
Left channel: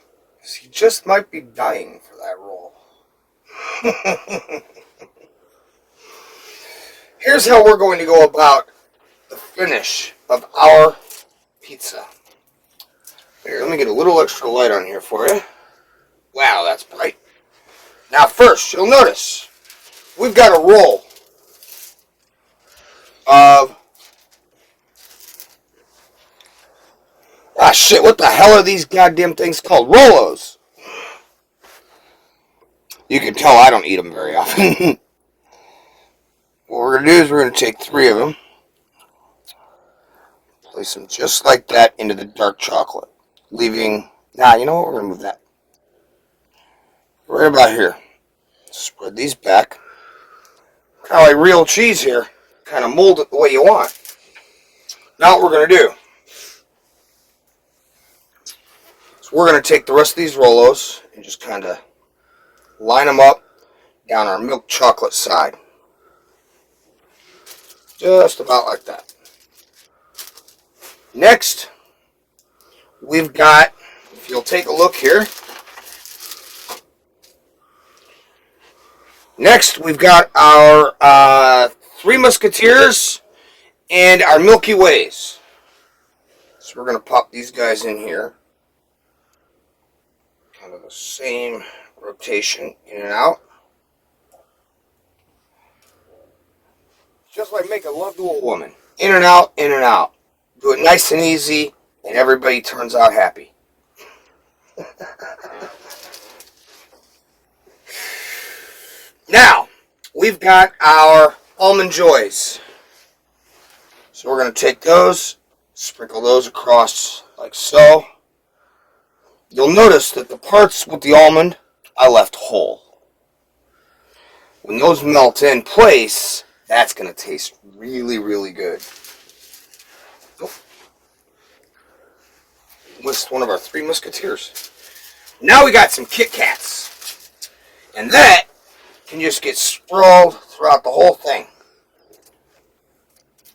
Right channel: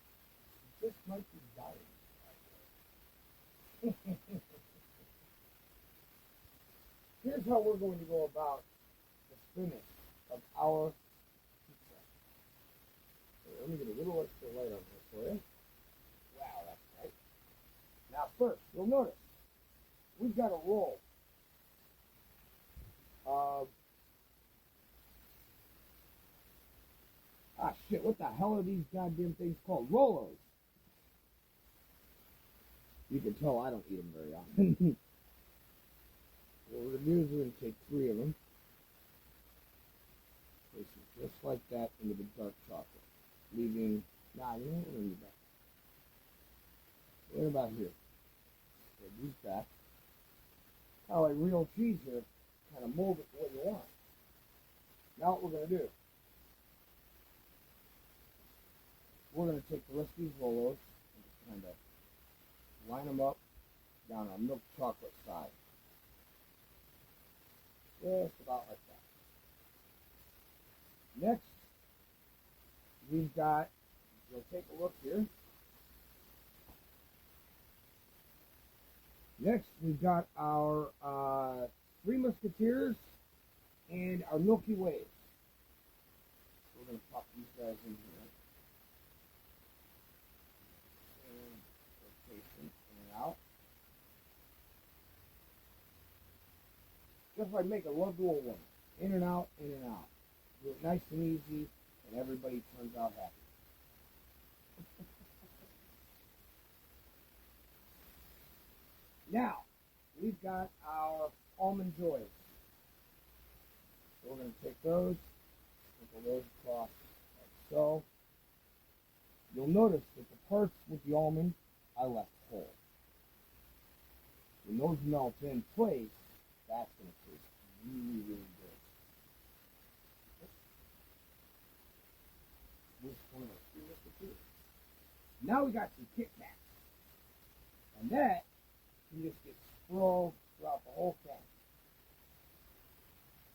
is he just might be dying for that role. Here's how we're going to go about the finish of our pizza. Here, let me get a little extra light on here for you. Wow, that's bright. Now first, you'll notice we've got a roll of... Ah, shit, what the hell are these goddamn things called? Rolos. You can tell I don't eat them very often. What we're going to do is we're going to take 3 of them, place them just like that into the dark chocolate, leaving... Nah, you know what? We're going to move that right about here. Spread these back. Kind of like real cheese here. Kind of mold it the way you want. Now what we're going to do, so we're going to take the rest of these Rolos and just kind of line them up down our milk chocolate side. Just about like that. Next, we've got, if you'll take a look here, next we've got our 3 Musketeers and our Milky Ways. So we're going to pop these guys in here. Kind of the same rotation, in and out. Just like making love to a woman. In and out, in and out. Do it nice and easy, and everybody turns out happy. Now, we've got our Almond Joys. So we're going to take those, sprinkle those across like so. You'll notice that the parts with the almond I left whole. When those melt in place, that's going to taste really, really good. With one of our 3 Musketeers. Now we got some Kit Kats. And that can just get sprawled throughout the whole thing.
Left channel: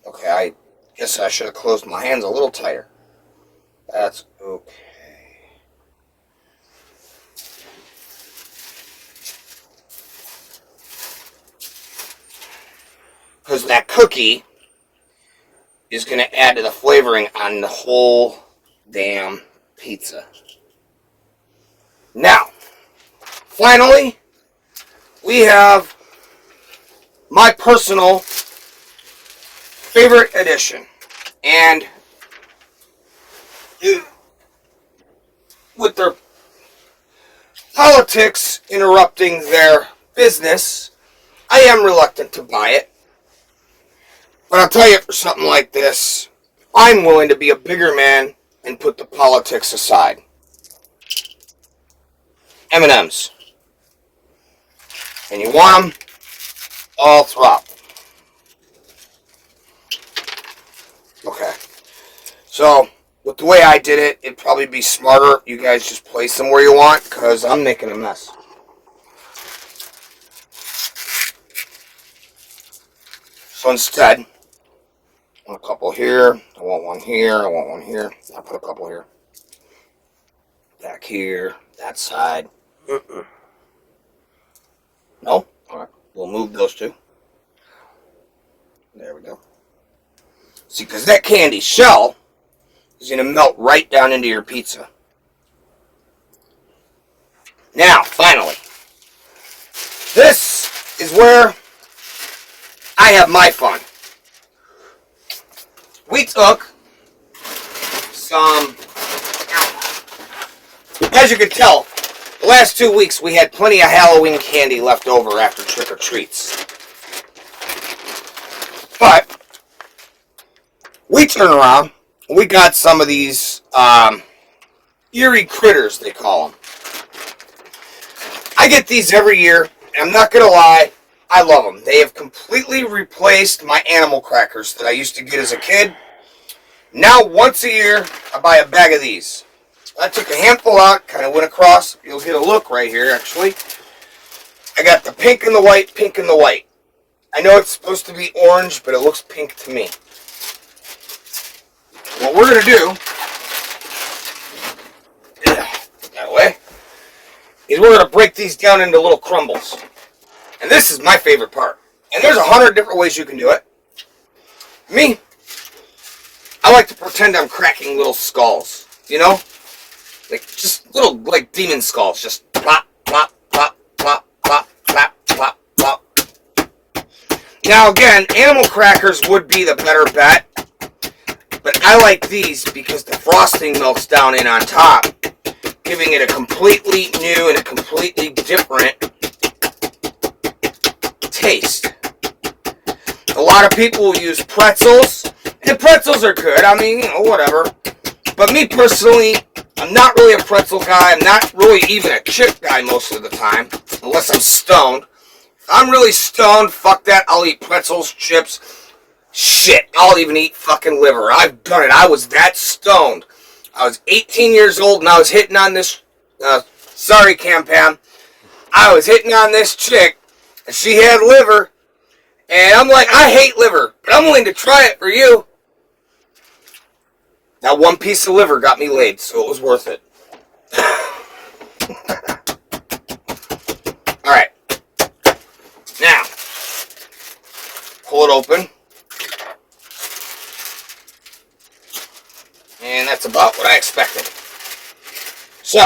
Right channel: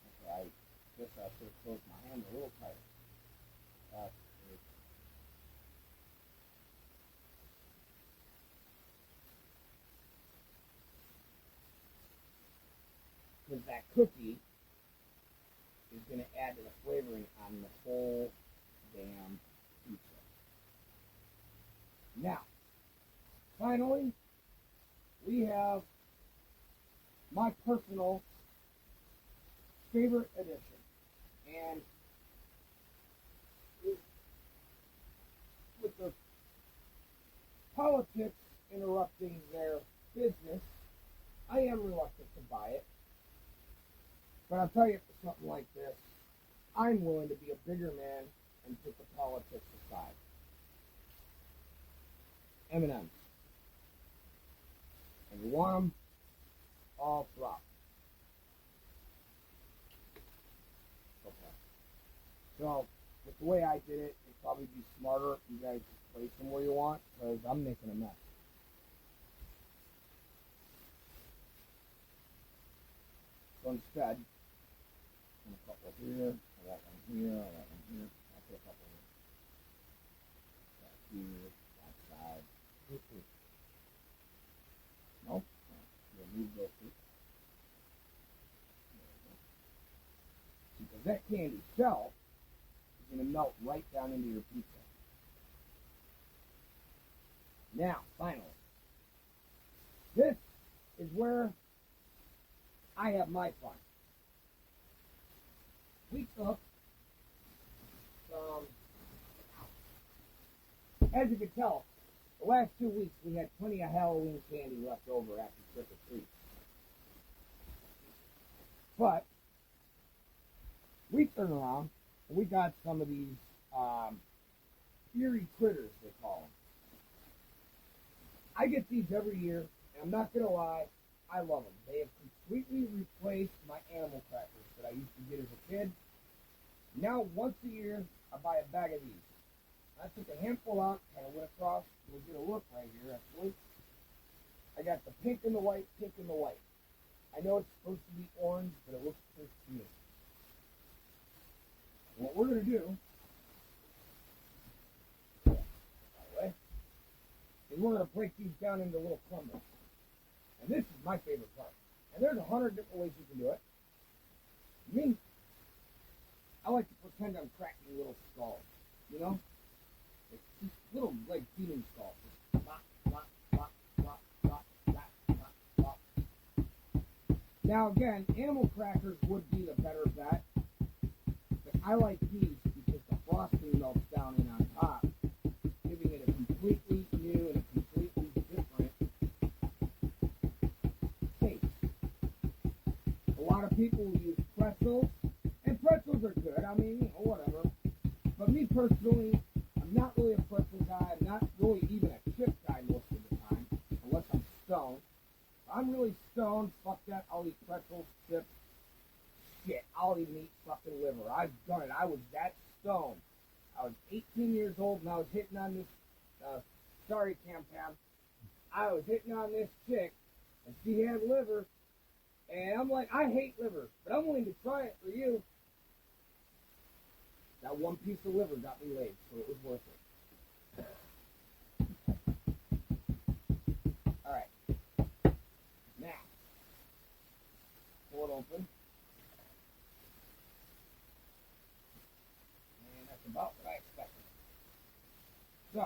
Okay, I guess I should have closed my hands a little tighter. That's okay. Because that cookie is going to add to the flavoring on the whole damn pizza. Now, finally, we have my personal favorite addition. And with their politics interrupting their business, I am reluctant to buy it. But I'll tell you, for something like this, I'm willing to be a bigger man and put the politics aside. M&M's. And you want them all throughout. Okay. So, with the way I did it, it'd probably be smarter. You guys just place them where you want, because I'm making a mess. So instead, I want a couple here, I want one here, I want one here. I'll put a couple here. Back here, that side. No? Alright, we'll move those two. There we go. See, because that candy shell is going to melt right down into your pizza. Now, finally, this is where I have my fun. We took some, as you can tell, the last 2 weeks we had plenty of Halloween candy left over after trick-or-treats. But we turn around, we got some of these eerie critters, they call them. I get these every year, and I'm not going to lie, I love them. They have completely replaced my animal crackers that I used to get as a kid. Now, once a year, I buy a bag of these. I took a handful out, kind of went across. You'll get a look right here, actually. I got the pink and the white, pink and the white. I know it's supposed to be orange, but it looks pink to me. What we're going to do, that way, is we're going to break these down into little crumbles. And this is my favorite part. And there's 100 different ways you can do it. Me, I like to pretend I'm cracking little skulls. You know? Like, just little, like, demon skulls. Just plop, plop, plop, plop, plop, plop, plop, plop. Now, again, animal crackers would be the better bet. But I like these because the frosting melts down in on top, giving it a completely new and a completely different taste. A lot of people will use pretzels, and pretzels are good. I mean, you know, whatever. But me personally, I'm not really a pretzel guy. I'm not really even a chip guy most of the time, unless I'm stoned. If I'm really stoned, fuck that. I'll eat pretzels, chips. Shit, I'll even eat fucking liver. I've done it. I was that stoned. I was 18 years old, and I was hitting on this, sorry, Cam Pam. I was hitting on this chick, and she had liver, and I'm like, I hate liver, but I'm willing to try it for you. That one piece of liver got me laid, so it was worth it. Alright. Now, pull it open. And that's about what I expected. So,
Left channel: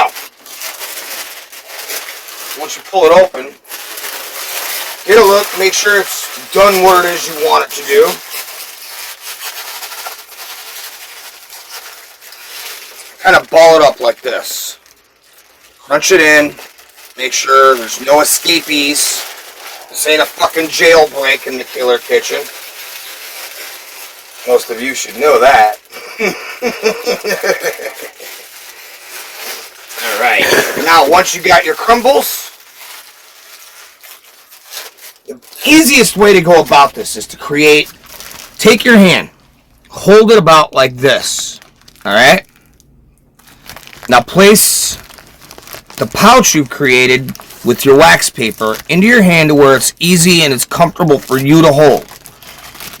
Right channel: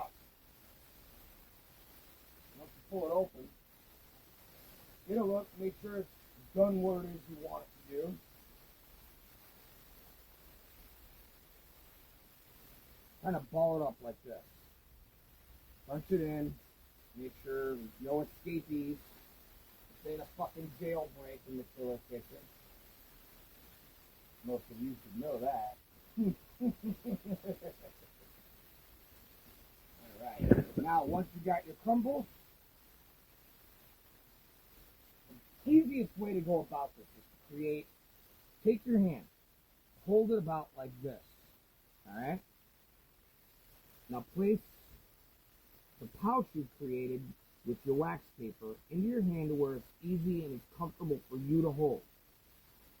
once you pull it open, get a look, make sure it's done what it is you want it to do. Kind of ball it up like this. Crunch it in. Make sure there's no escapees. This ain't a fucking jailbreak in the Killer Kitchen. Most of you should know that. Alright. Now, once you got your crumbles, the easiest way to go about this is to take your hand, hold it about like this. Alright? Now place the pouch you've created with your wax paper into your hand to where it's easy and it's comfortable for you to hold.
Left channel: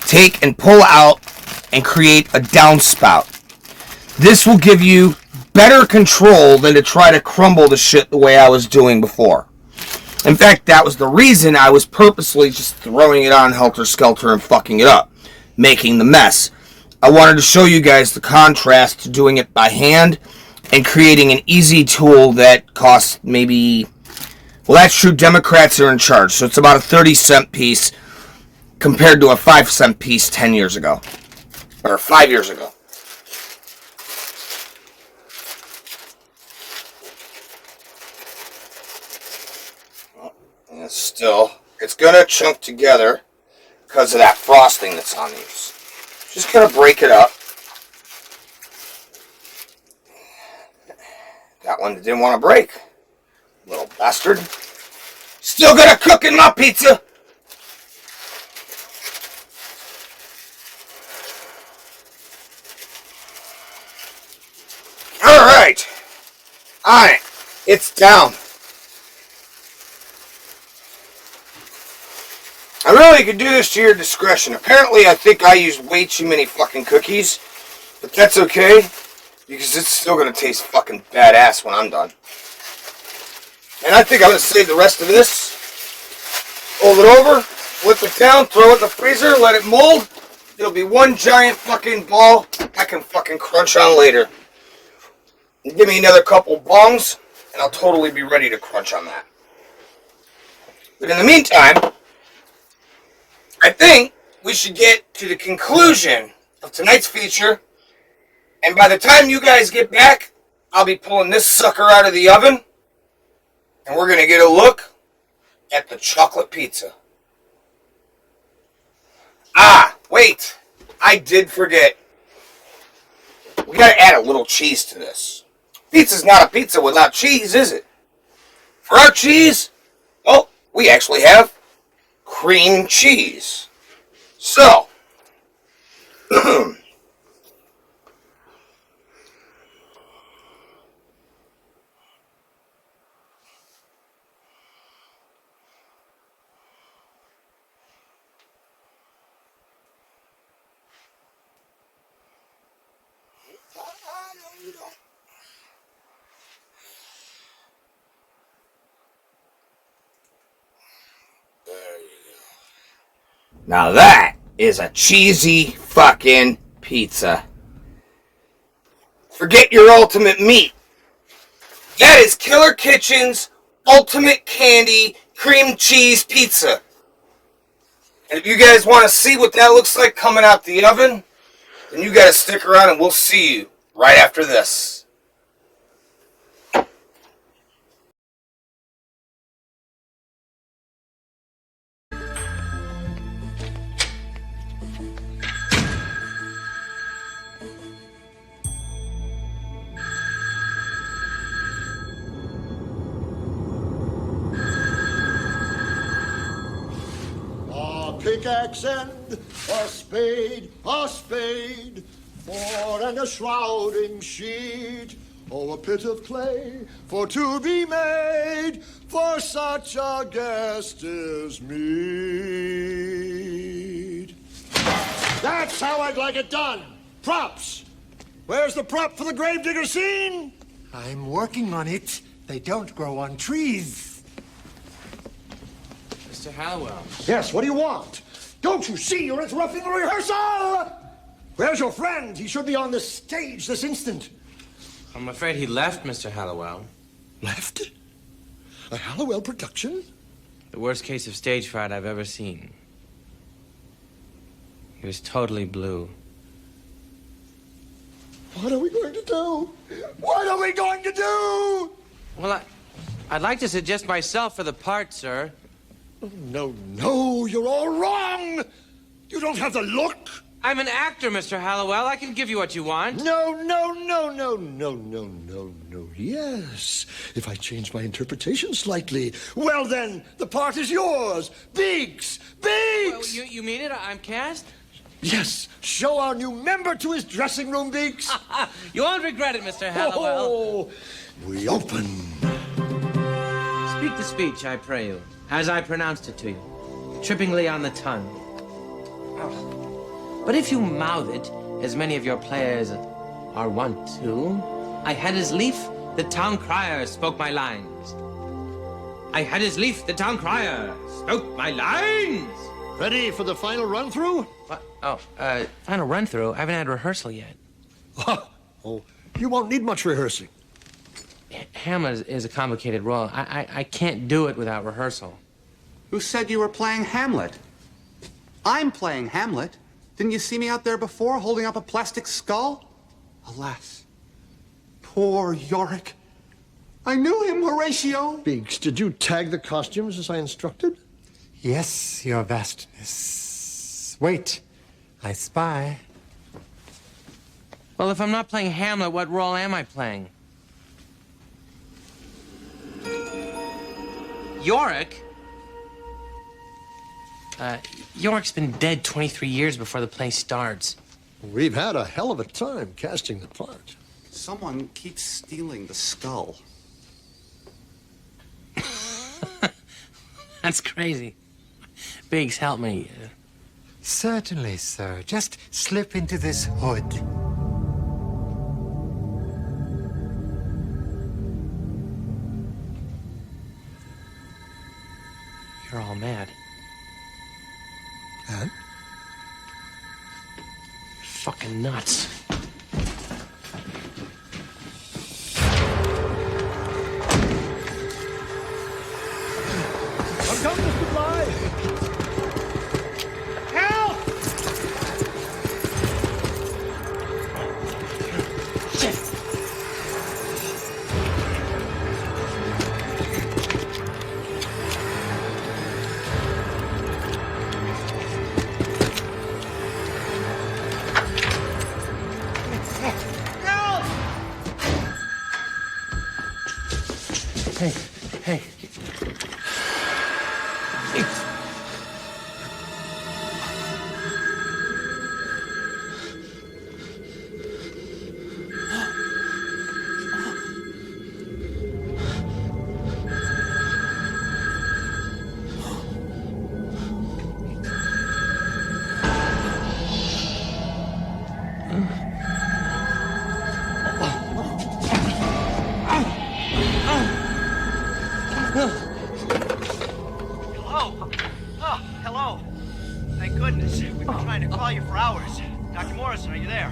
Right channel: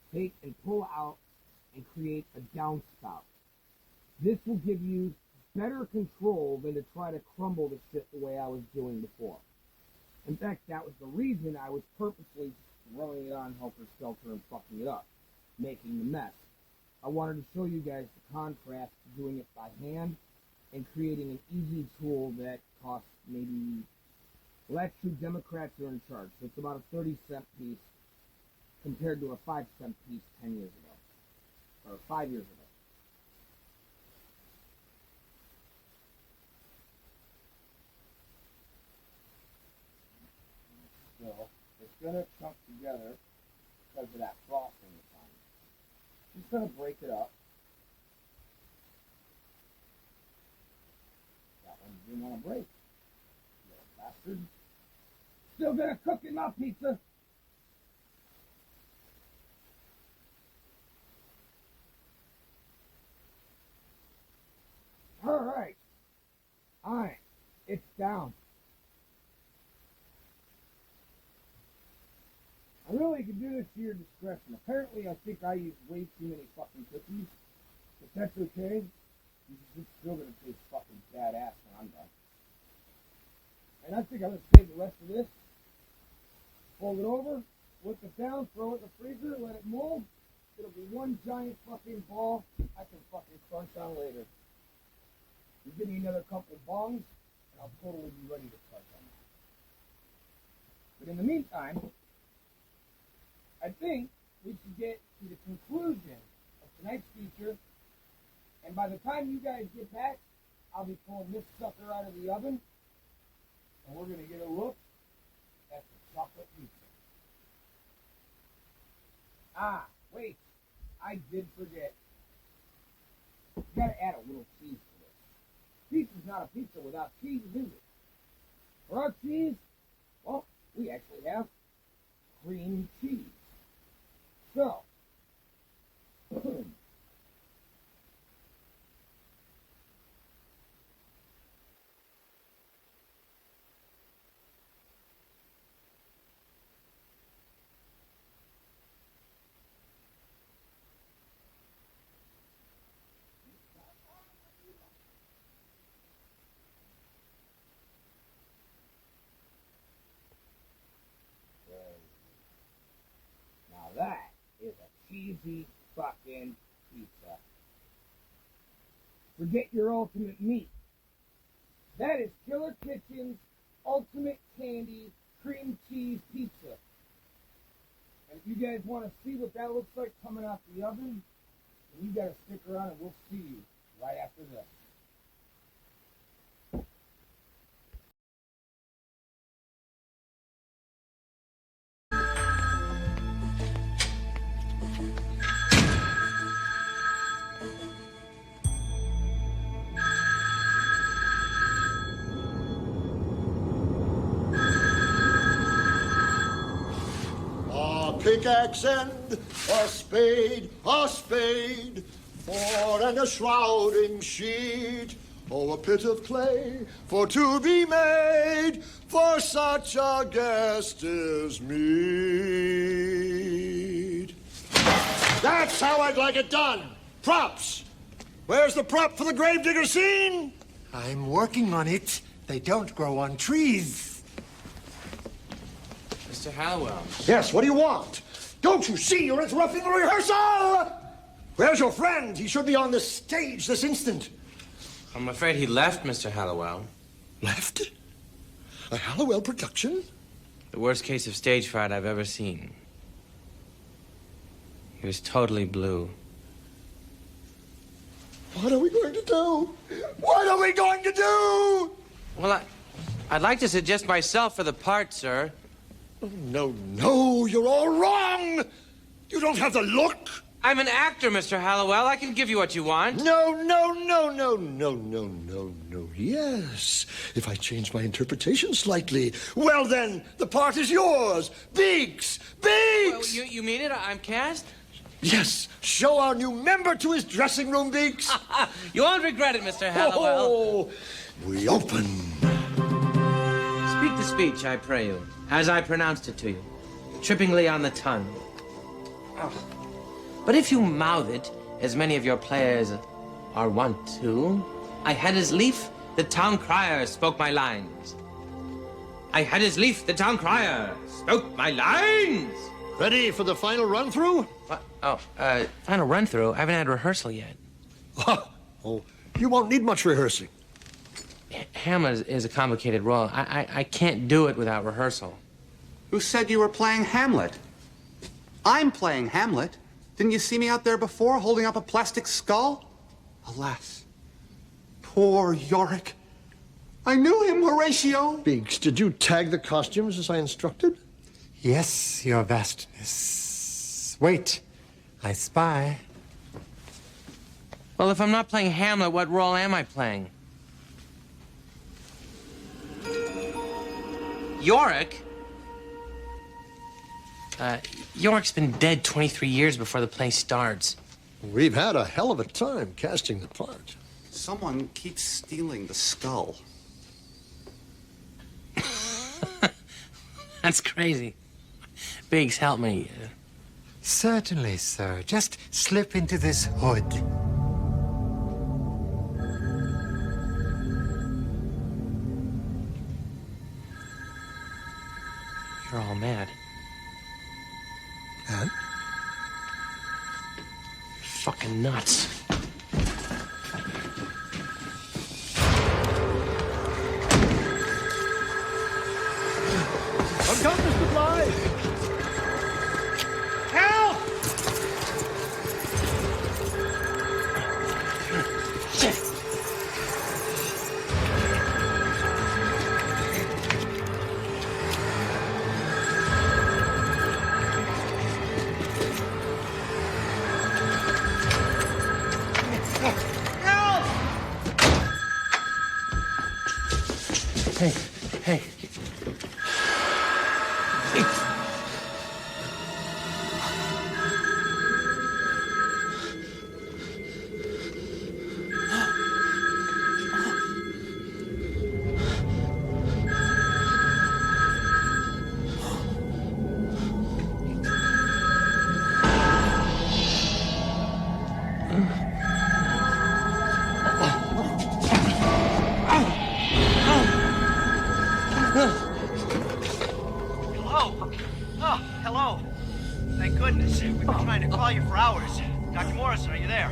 Take and pull out and create a downspout. This will give you better control than to try to crumble the shit the way I was doing before. In fact, that was the reason I was purposely just throwing it on helter-skelter and fucking it up, making the mess. I wanted to show you guys the contrast to doing it by hand and creating an easy tool that costs maybe, well, that's true, Democrats are in charge, so it's about a 30-cent piece compared to a 5-cent piece 10 years ago, or 5 years ago. And still, it's going to chunk together because of that frosting that's on these. Just going to break it up. one that didn't want to break. Little bastard. Still gonna cook in my pizza. Alright. Alright. It's down. I really could do this to your discretion. Apparently, I think I used way too many fucking cookies. But that's okay, because it's still gonna taste fucking badass when I'm done. And I think I'm gonna save the rest of this. Fold it over, flip it down, throw it in the freezer, let it mold. It'll be one giant fucking ball I can fucking crunch on later. Give me another couple bongs, and I'll totally be ready to crunch on that. But in the meantime, I think we should get to the conclusion of tonight's feature. And by the time you guys get back, I'll be pulling this sucker out of the oven. And we're going to get a look at the chocolate pizza. Ah, wait. I did forget. We got to add a little cheese to this. Pizza's not a pizza without cheese, is it? For our cheese, well, we actually have cream cheese. So, now that is a cheesy fucking pizza. Forget your ultimate meat. That is Killer Kitchen's ultimate candy cream cheese pizza. And if you guys want to see what that looks like coming out the oven, then you gotta stick around and we'll see you right after this. Pickaxe and a spade, for and a shrouding sheet, oh, a pit of clay for to be made for such a guest as meet. That's how I'd like it done. Props. Where's the prop for the gravedigger scene? I'm working on it. They don't grow on trees. Mr. Hallowell. Yes, what do you want? Don't you see you're interrupting the rehearsal? Where's your friend? He should be on the stage this instant. I'm afraid he left, Mr. Hallowell. Left? A Hallowell production? The worst case of stage fright I've ever seen. He was totally blue. What are we going to do? What are we going to do? Well, I'd like to suggest myself for the part, sir. Oh, no, you're all wrong. You don't have the look. I'm an actor, Mr. Hallowell. I can give you what you want. No. Yes, if I change my interpretation slightly, well then, the part is yours. Biggs! Well, you mean it? I'm cast? Yes, show our new member to his dressing room, Biggs. You won't regret it, Mr. Hallowell. Oh, we open. Speak the speech, I pray you, as I pronounced it to you, trippingly on the tongue. Oh. But if you mouth it, as many of your players are wont to, I had as lief the town crier spoke my lines. I had as lief the town crier spoke my lines. Ready for the final run-through? What? Oh, final run-through? I haven't had rehearsal yet. Oh, you won't need much rehearsing. Hamlet is a complicated role. I can't do it without rehearsal. Who said you were playing Hamlet? I'm playing Hamlet. Didn't you see me out there before, holding up a plastic skull? Alas, poor Yorick. I knew him, Horatio. Biggs, did you tag the costumes as I instructed? Yes, your vastness. Wait, I spy. Well, if I'm not playing Hamlet, what role am I playing? Yorick? Yorick's been dead 23 years before the play starts. We've had a hell of a time casting the part. Someone keeps stealing the skull. That's crazy. Biggs, help me. Certainly, sir. Just slip into this hood. You're all mad. And? You're fucking nuts. I'm coming, Mr. Bly! Help! Shit! Hey, hey. Hello? Oh, hello. Thank goodness. We've been trying to call you for hours. Dr. Morrison, are you there?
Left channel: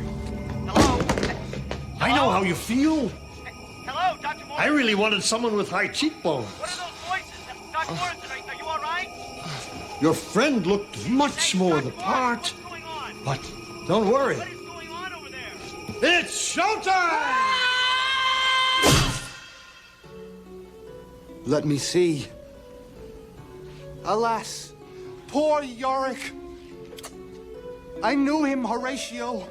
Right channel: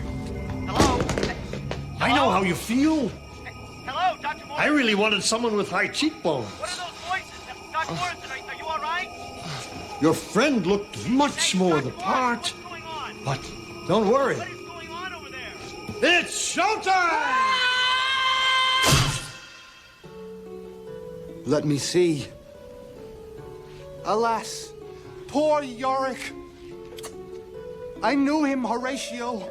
Hello? I know how you feel. Hello, Dr. Morrison? I really wanted someone with high cheekbones. What are those voices? Dr. Morrison, are you all right? Your friend looked much more the part. But don't worry. What is going on over there? It's showtime! Let me see. Alas, poor Yorick. I knew him, Horatio.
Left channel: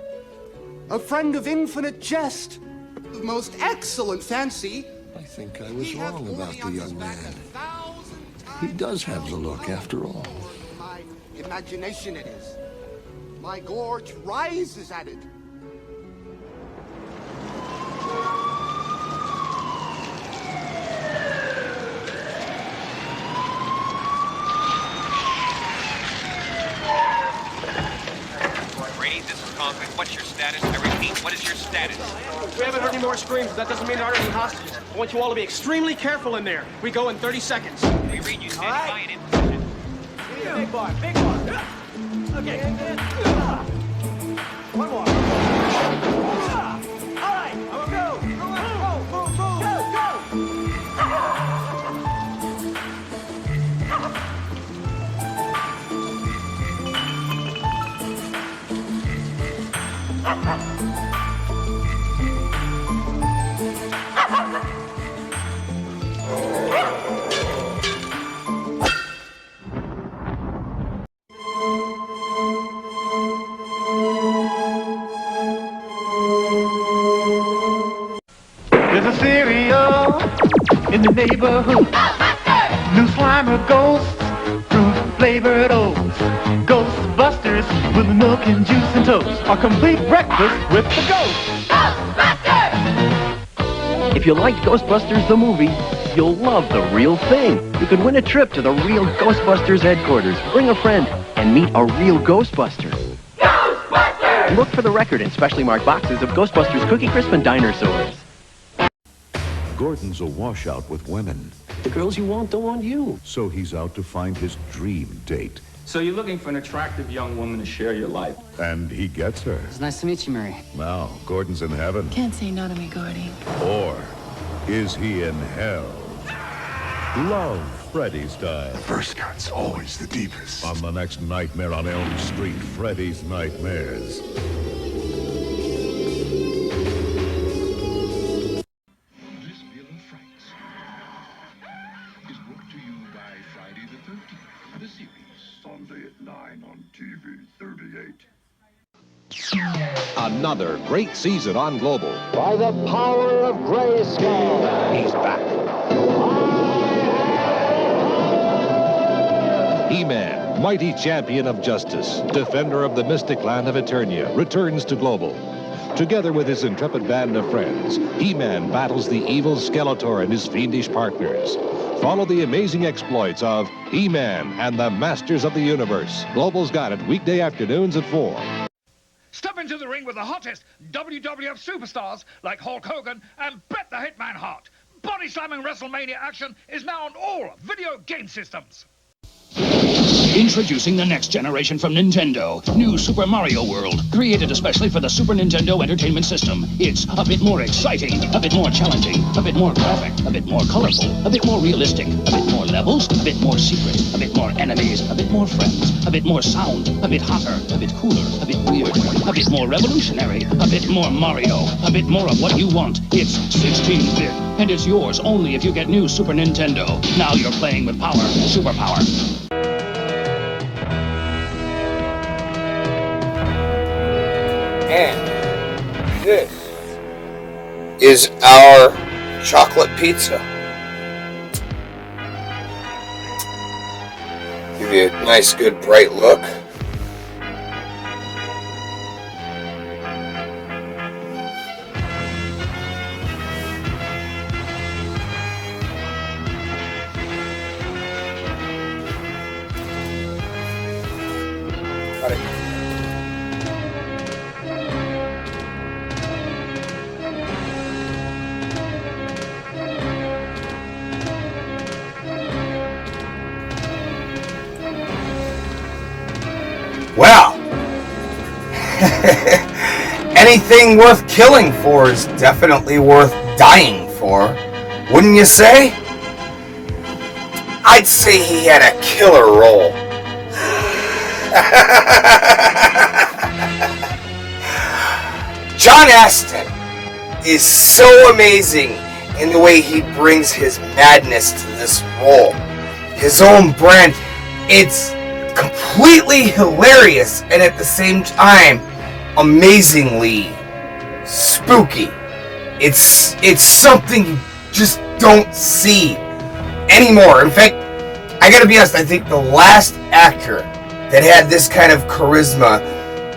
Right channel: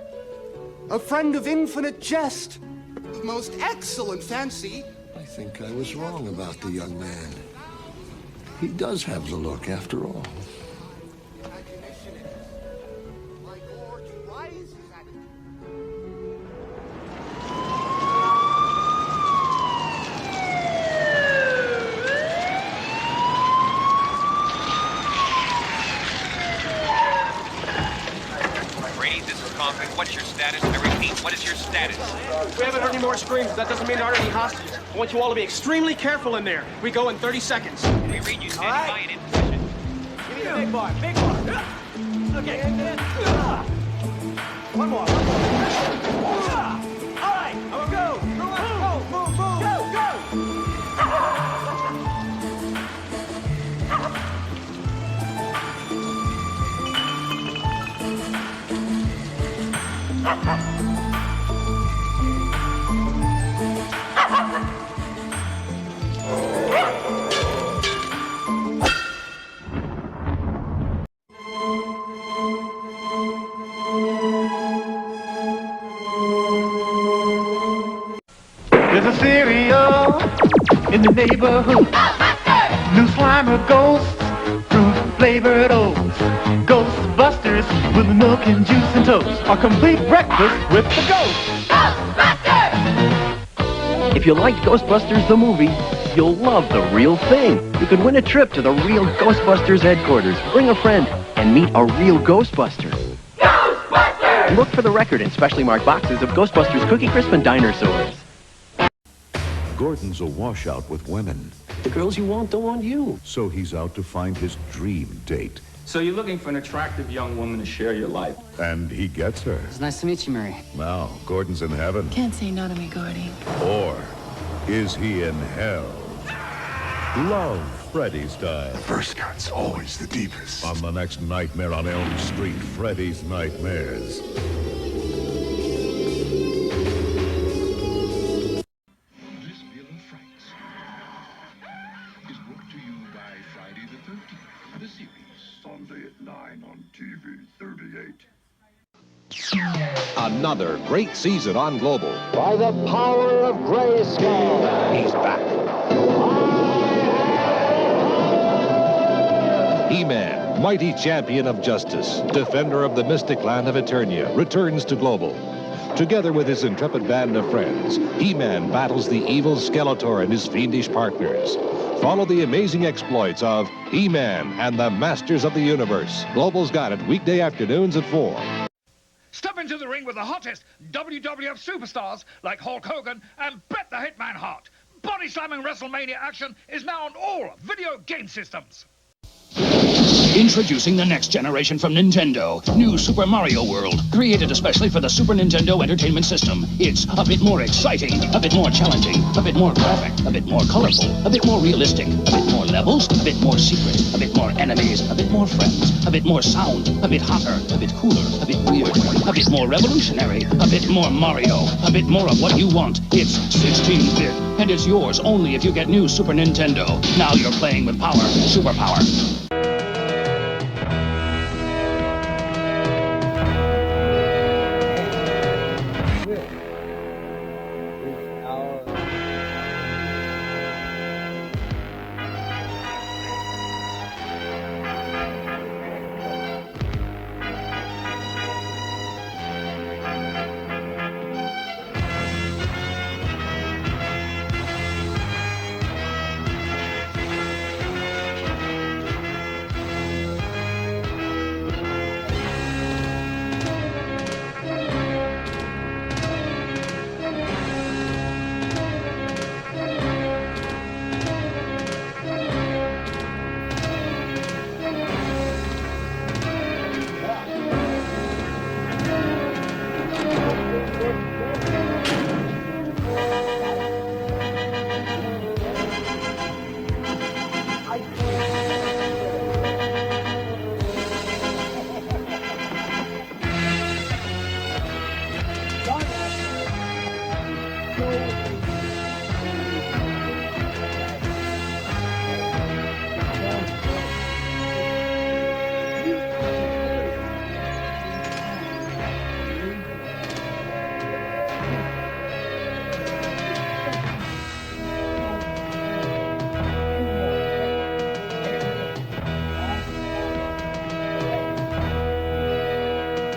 A friend of infinite jest, of most excellent fancy. I think I was wrong about the young man. He does have the look, after all. My imagination it is. My gorge rises at it. Brady, this is Conklin. What's your status? I repeat, what is your status? We haven't heard any more screams. That doesn't mean there aren't any hostages. I want you all to be extremely careful in there. We go in 30 seconds. We read you standing by and in position. Give me the big bar. Big bar. Okay. One more. All right. I'm gonna go. Move. There's a cereal in the neighborhood. New Slimer ghosts, fruit-flavored oats. Ghostbusters with milk and juice and toast. A complete breakfast with the ghosts. If you liked Ghostbusters the movie, you'll love the real thing. You can win a trip to the real Ghostbusters headquarters, bring a friend, and meet a real Ghostbuster. Ghostbusters! Look for the record in specially marked boxes of Ghostbusters Cookie Crisp and Dinosaurs. Gordon's a washout with women, The girls you want don't want you. so he's out to find his dream date. So you're looking for an attractive young woman to share your life. And he gets her. It's nice to meet you, Mary. Now, Gordon's in heaven. Can't say no to me, Gordy. Or is he in hell? Love Freddy style. The first cut's always the deepest. On the next Nightmare on Elm Street, Freddy's Nightmares. This Villa Franks is brought to you by Friday the 13th, the series, Sunday at 9 on TV 38. Another great season on Global. By the power of Grayskull. He's back. He-Man, mighty champion of justice, defender of the mystic land of Eternia, returns to Global. Together with his intrepid band of friends, He-Man battles the evil Skeletor and his fiendish partners. Follow the amazing exploits of He-Man and the Masters of the Universe. Global's got it weekday afternoons at 4. Step into the ring with the hottest WWF superstars like Hulk Hogan and Bet the Hitman Hart. Body-slamming WrestleMania action is now on all video game systems. Introducing the next generation from Nintendo, New Super Mario World, created especially for the Super Nintendo Entertainment System. It's a bit more exciting, a bit more challenging, a bit more graphic, a bit more colorful, a bit more realistic, a bit more levels, a bit more secret, a bit more enemies, a bit more friends, a bit more sound, a bit hotter, a bit cooler, a bit weird, a bit more revolutionary, a bit more Mario, a bit more of what you want. It's 16-bit, and it's yours only if you get new Super Nintendo. Now you're playing with power, superpower. This is our chocolate pizza. Give you a nice, good, bright look. Well, anything worth killing for is definitely worth dying for, wouldn't you say? I'd say he had a killer role. John Astin is so amazing in the way he brings his madness to this role. His own brand, it's completely hilarious and at the same time amazingly spooky. It's something you just don't see anymore. In fact, I gotta be honest, I think the last actor that had this kind of charisma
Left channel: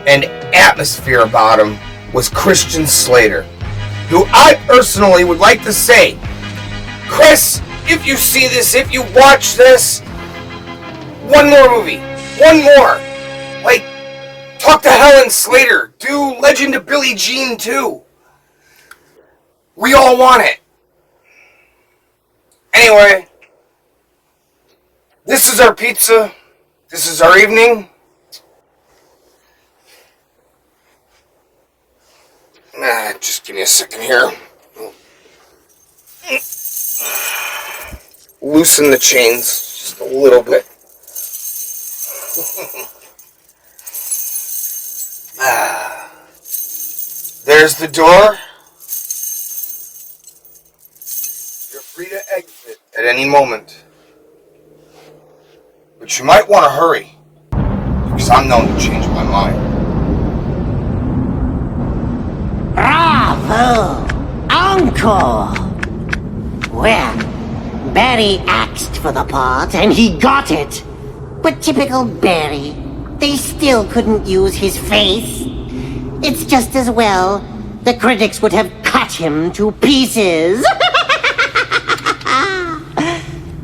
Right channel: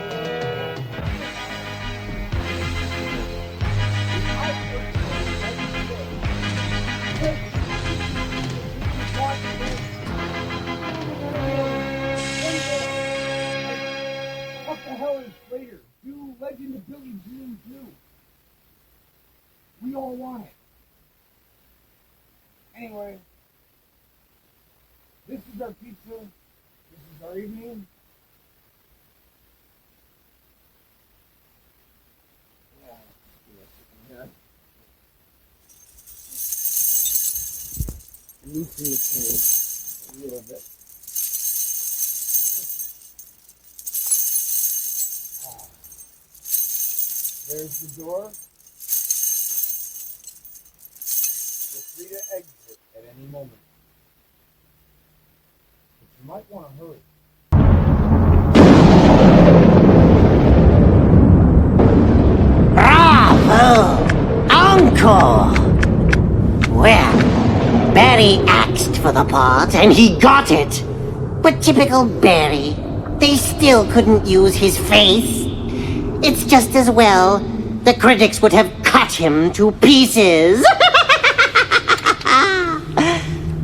and atmosphere about him was Christian Slater, who I personally would like to say, Chris, if you see this, if you watch this, one more movie. One more! Like, talk to Helen Slater. Do Legend of Billie Jean too. We all want it. Anyway, this is our pizza. This is our evening. Just give me a second here. Loosen the chains just a little bit. There's the door. You're free to exit at any moment. But you might want to hurry, because I'm known to change my mind. Bravo! Encore! Well, Barry asked for the part, and he got it. But typical Barry, they still couldn't use his face. It's just as well. The critics would have cut him to pieces.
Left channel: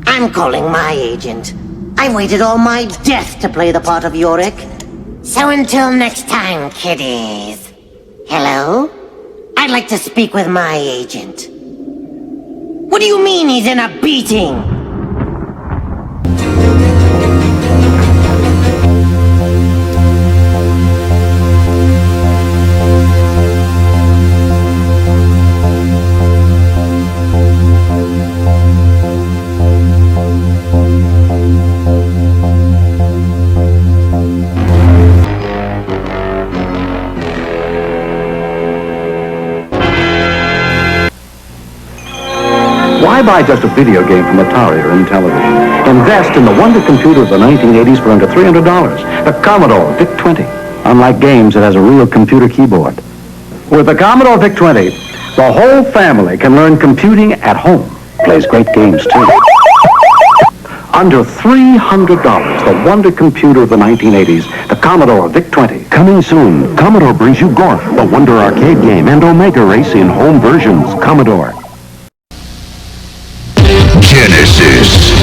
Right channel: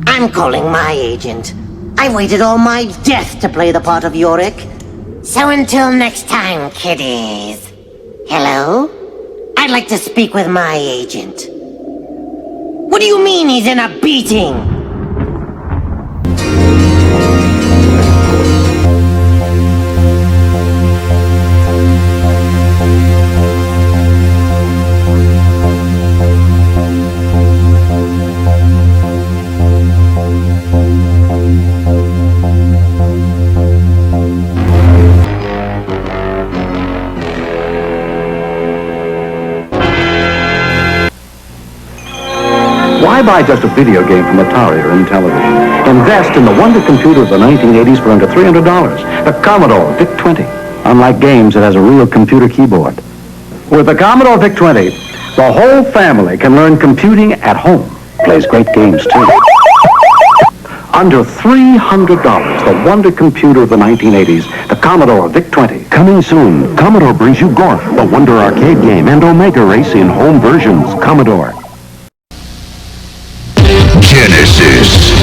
I'm calling my agent. I waited all my death to play the part of Yorick. So until next time, kiddies. Hello? I'd like to speak with my agent. What do you mean he's in a beating? Why buy just a video game from Atari or Intellivision? Invest in the wonder computer of the 1980s for under $300. The Commodore VIC-20. Unlike games, it has a real computer keyboard. With the Commodore VIC-20, the whole family can learn computing at home. Plays great games, too. Under $300, the wonder computer of the 1980s, the Commodore VIC-20. Coming soon, Commodore brings you Gorf, the wonder arcade game, and Omega Race in home versions. Commodore. Genesis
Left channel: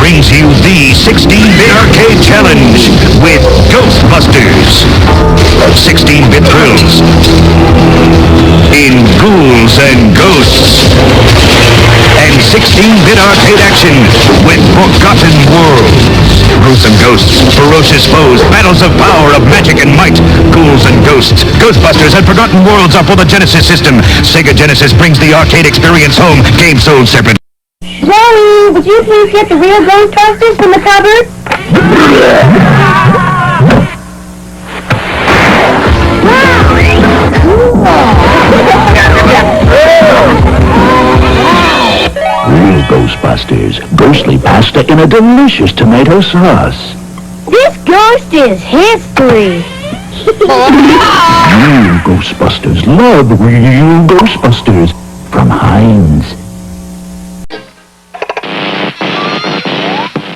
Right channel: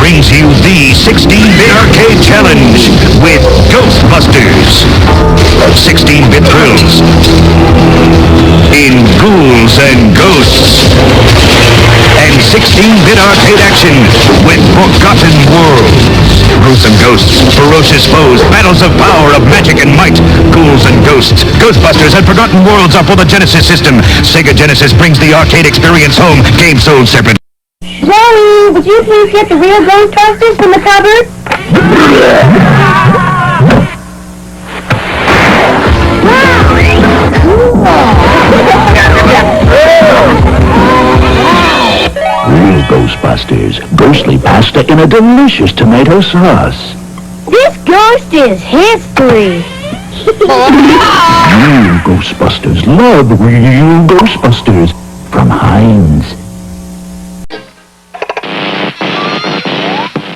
brings you the 16-bit arcade challenge with Ghostbusters. 16-bit thrills in Ghouls and Ghosts. And 16-bit arcade action with Forgotten Worlds. Gruesome ghosts, ferocious foes, battles of power, of magic and might. Ghouls and Ghosts, Ghostbusters and Forgotten Worlds are for the Genesis system. Sega Genesis brings the arcade experience home. Game sold separate. Zoe, would you please get the real Ghostbusters from the cupboard? Real Ghostbusters, ghostly pasta in a delicious tomato sauce. This ghost is history. Real Ghostbusters love real Ghostbusters from Heinz.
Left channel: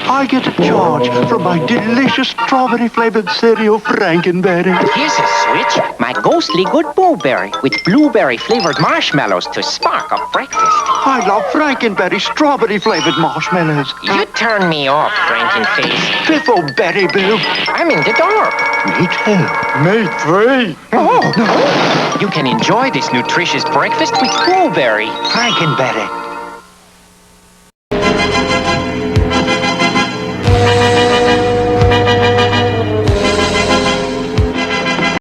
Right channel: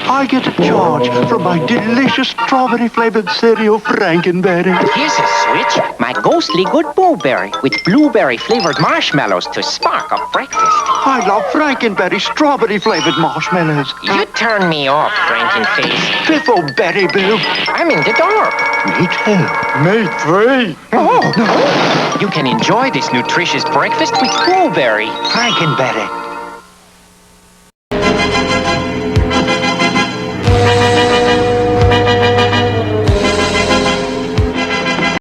I get a charge for my delicious strawberry-flavored cereal, Frankenberry. Here's a switch. My ghostly good blueberry with blueberry-flavored marshmallows to spark up breakfast. I love Frankenberry strawberry-flavored marshmallows. You turn me off, Frankenface. Piffleberry Boo. I'm in the dark. Me too. Me three. Oh. You can enjoy this nutritious breakfast with blueberry. Frankenberry.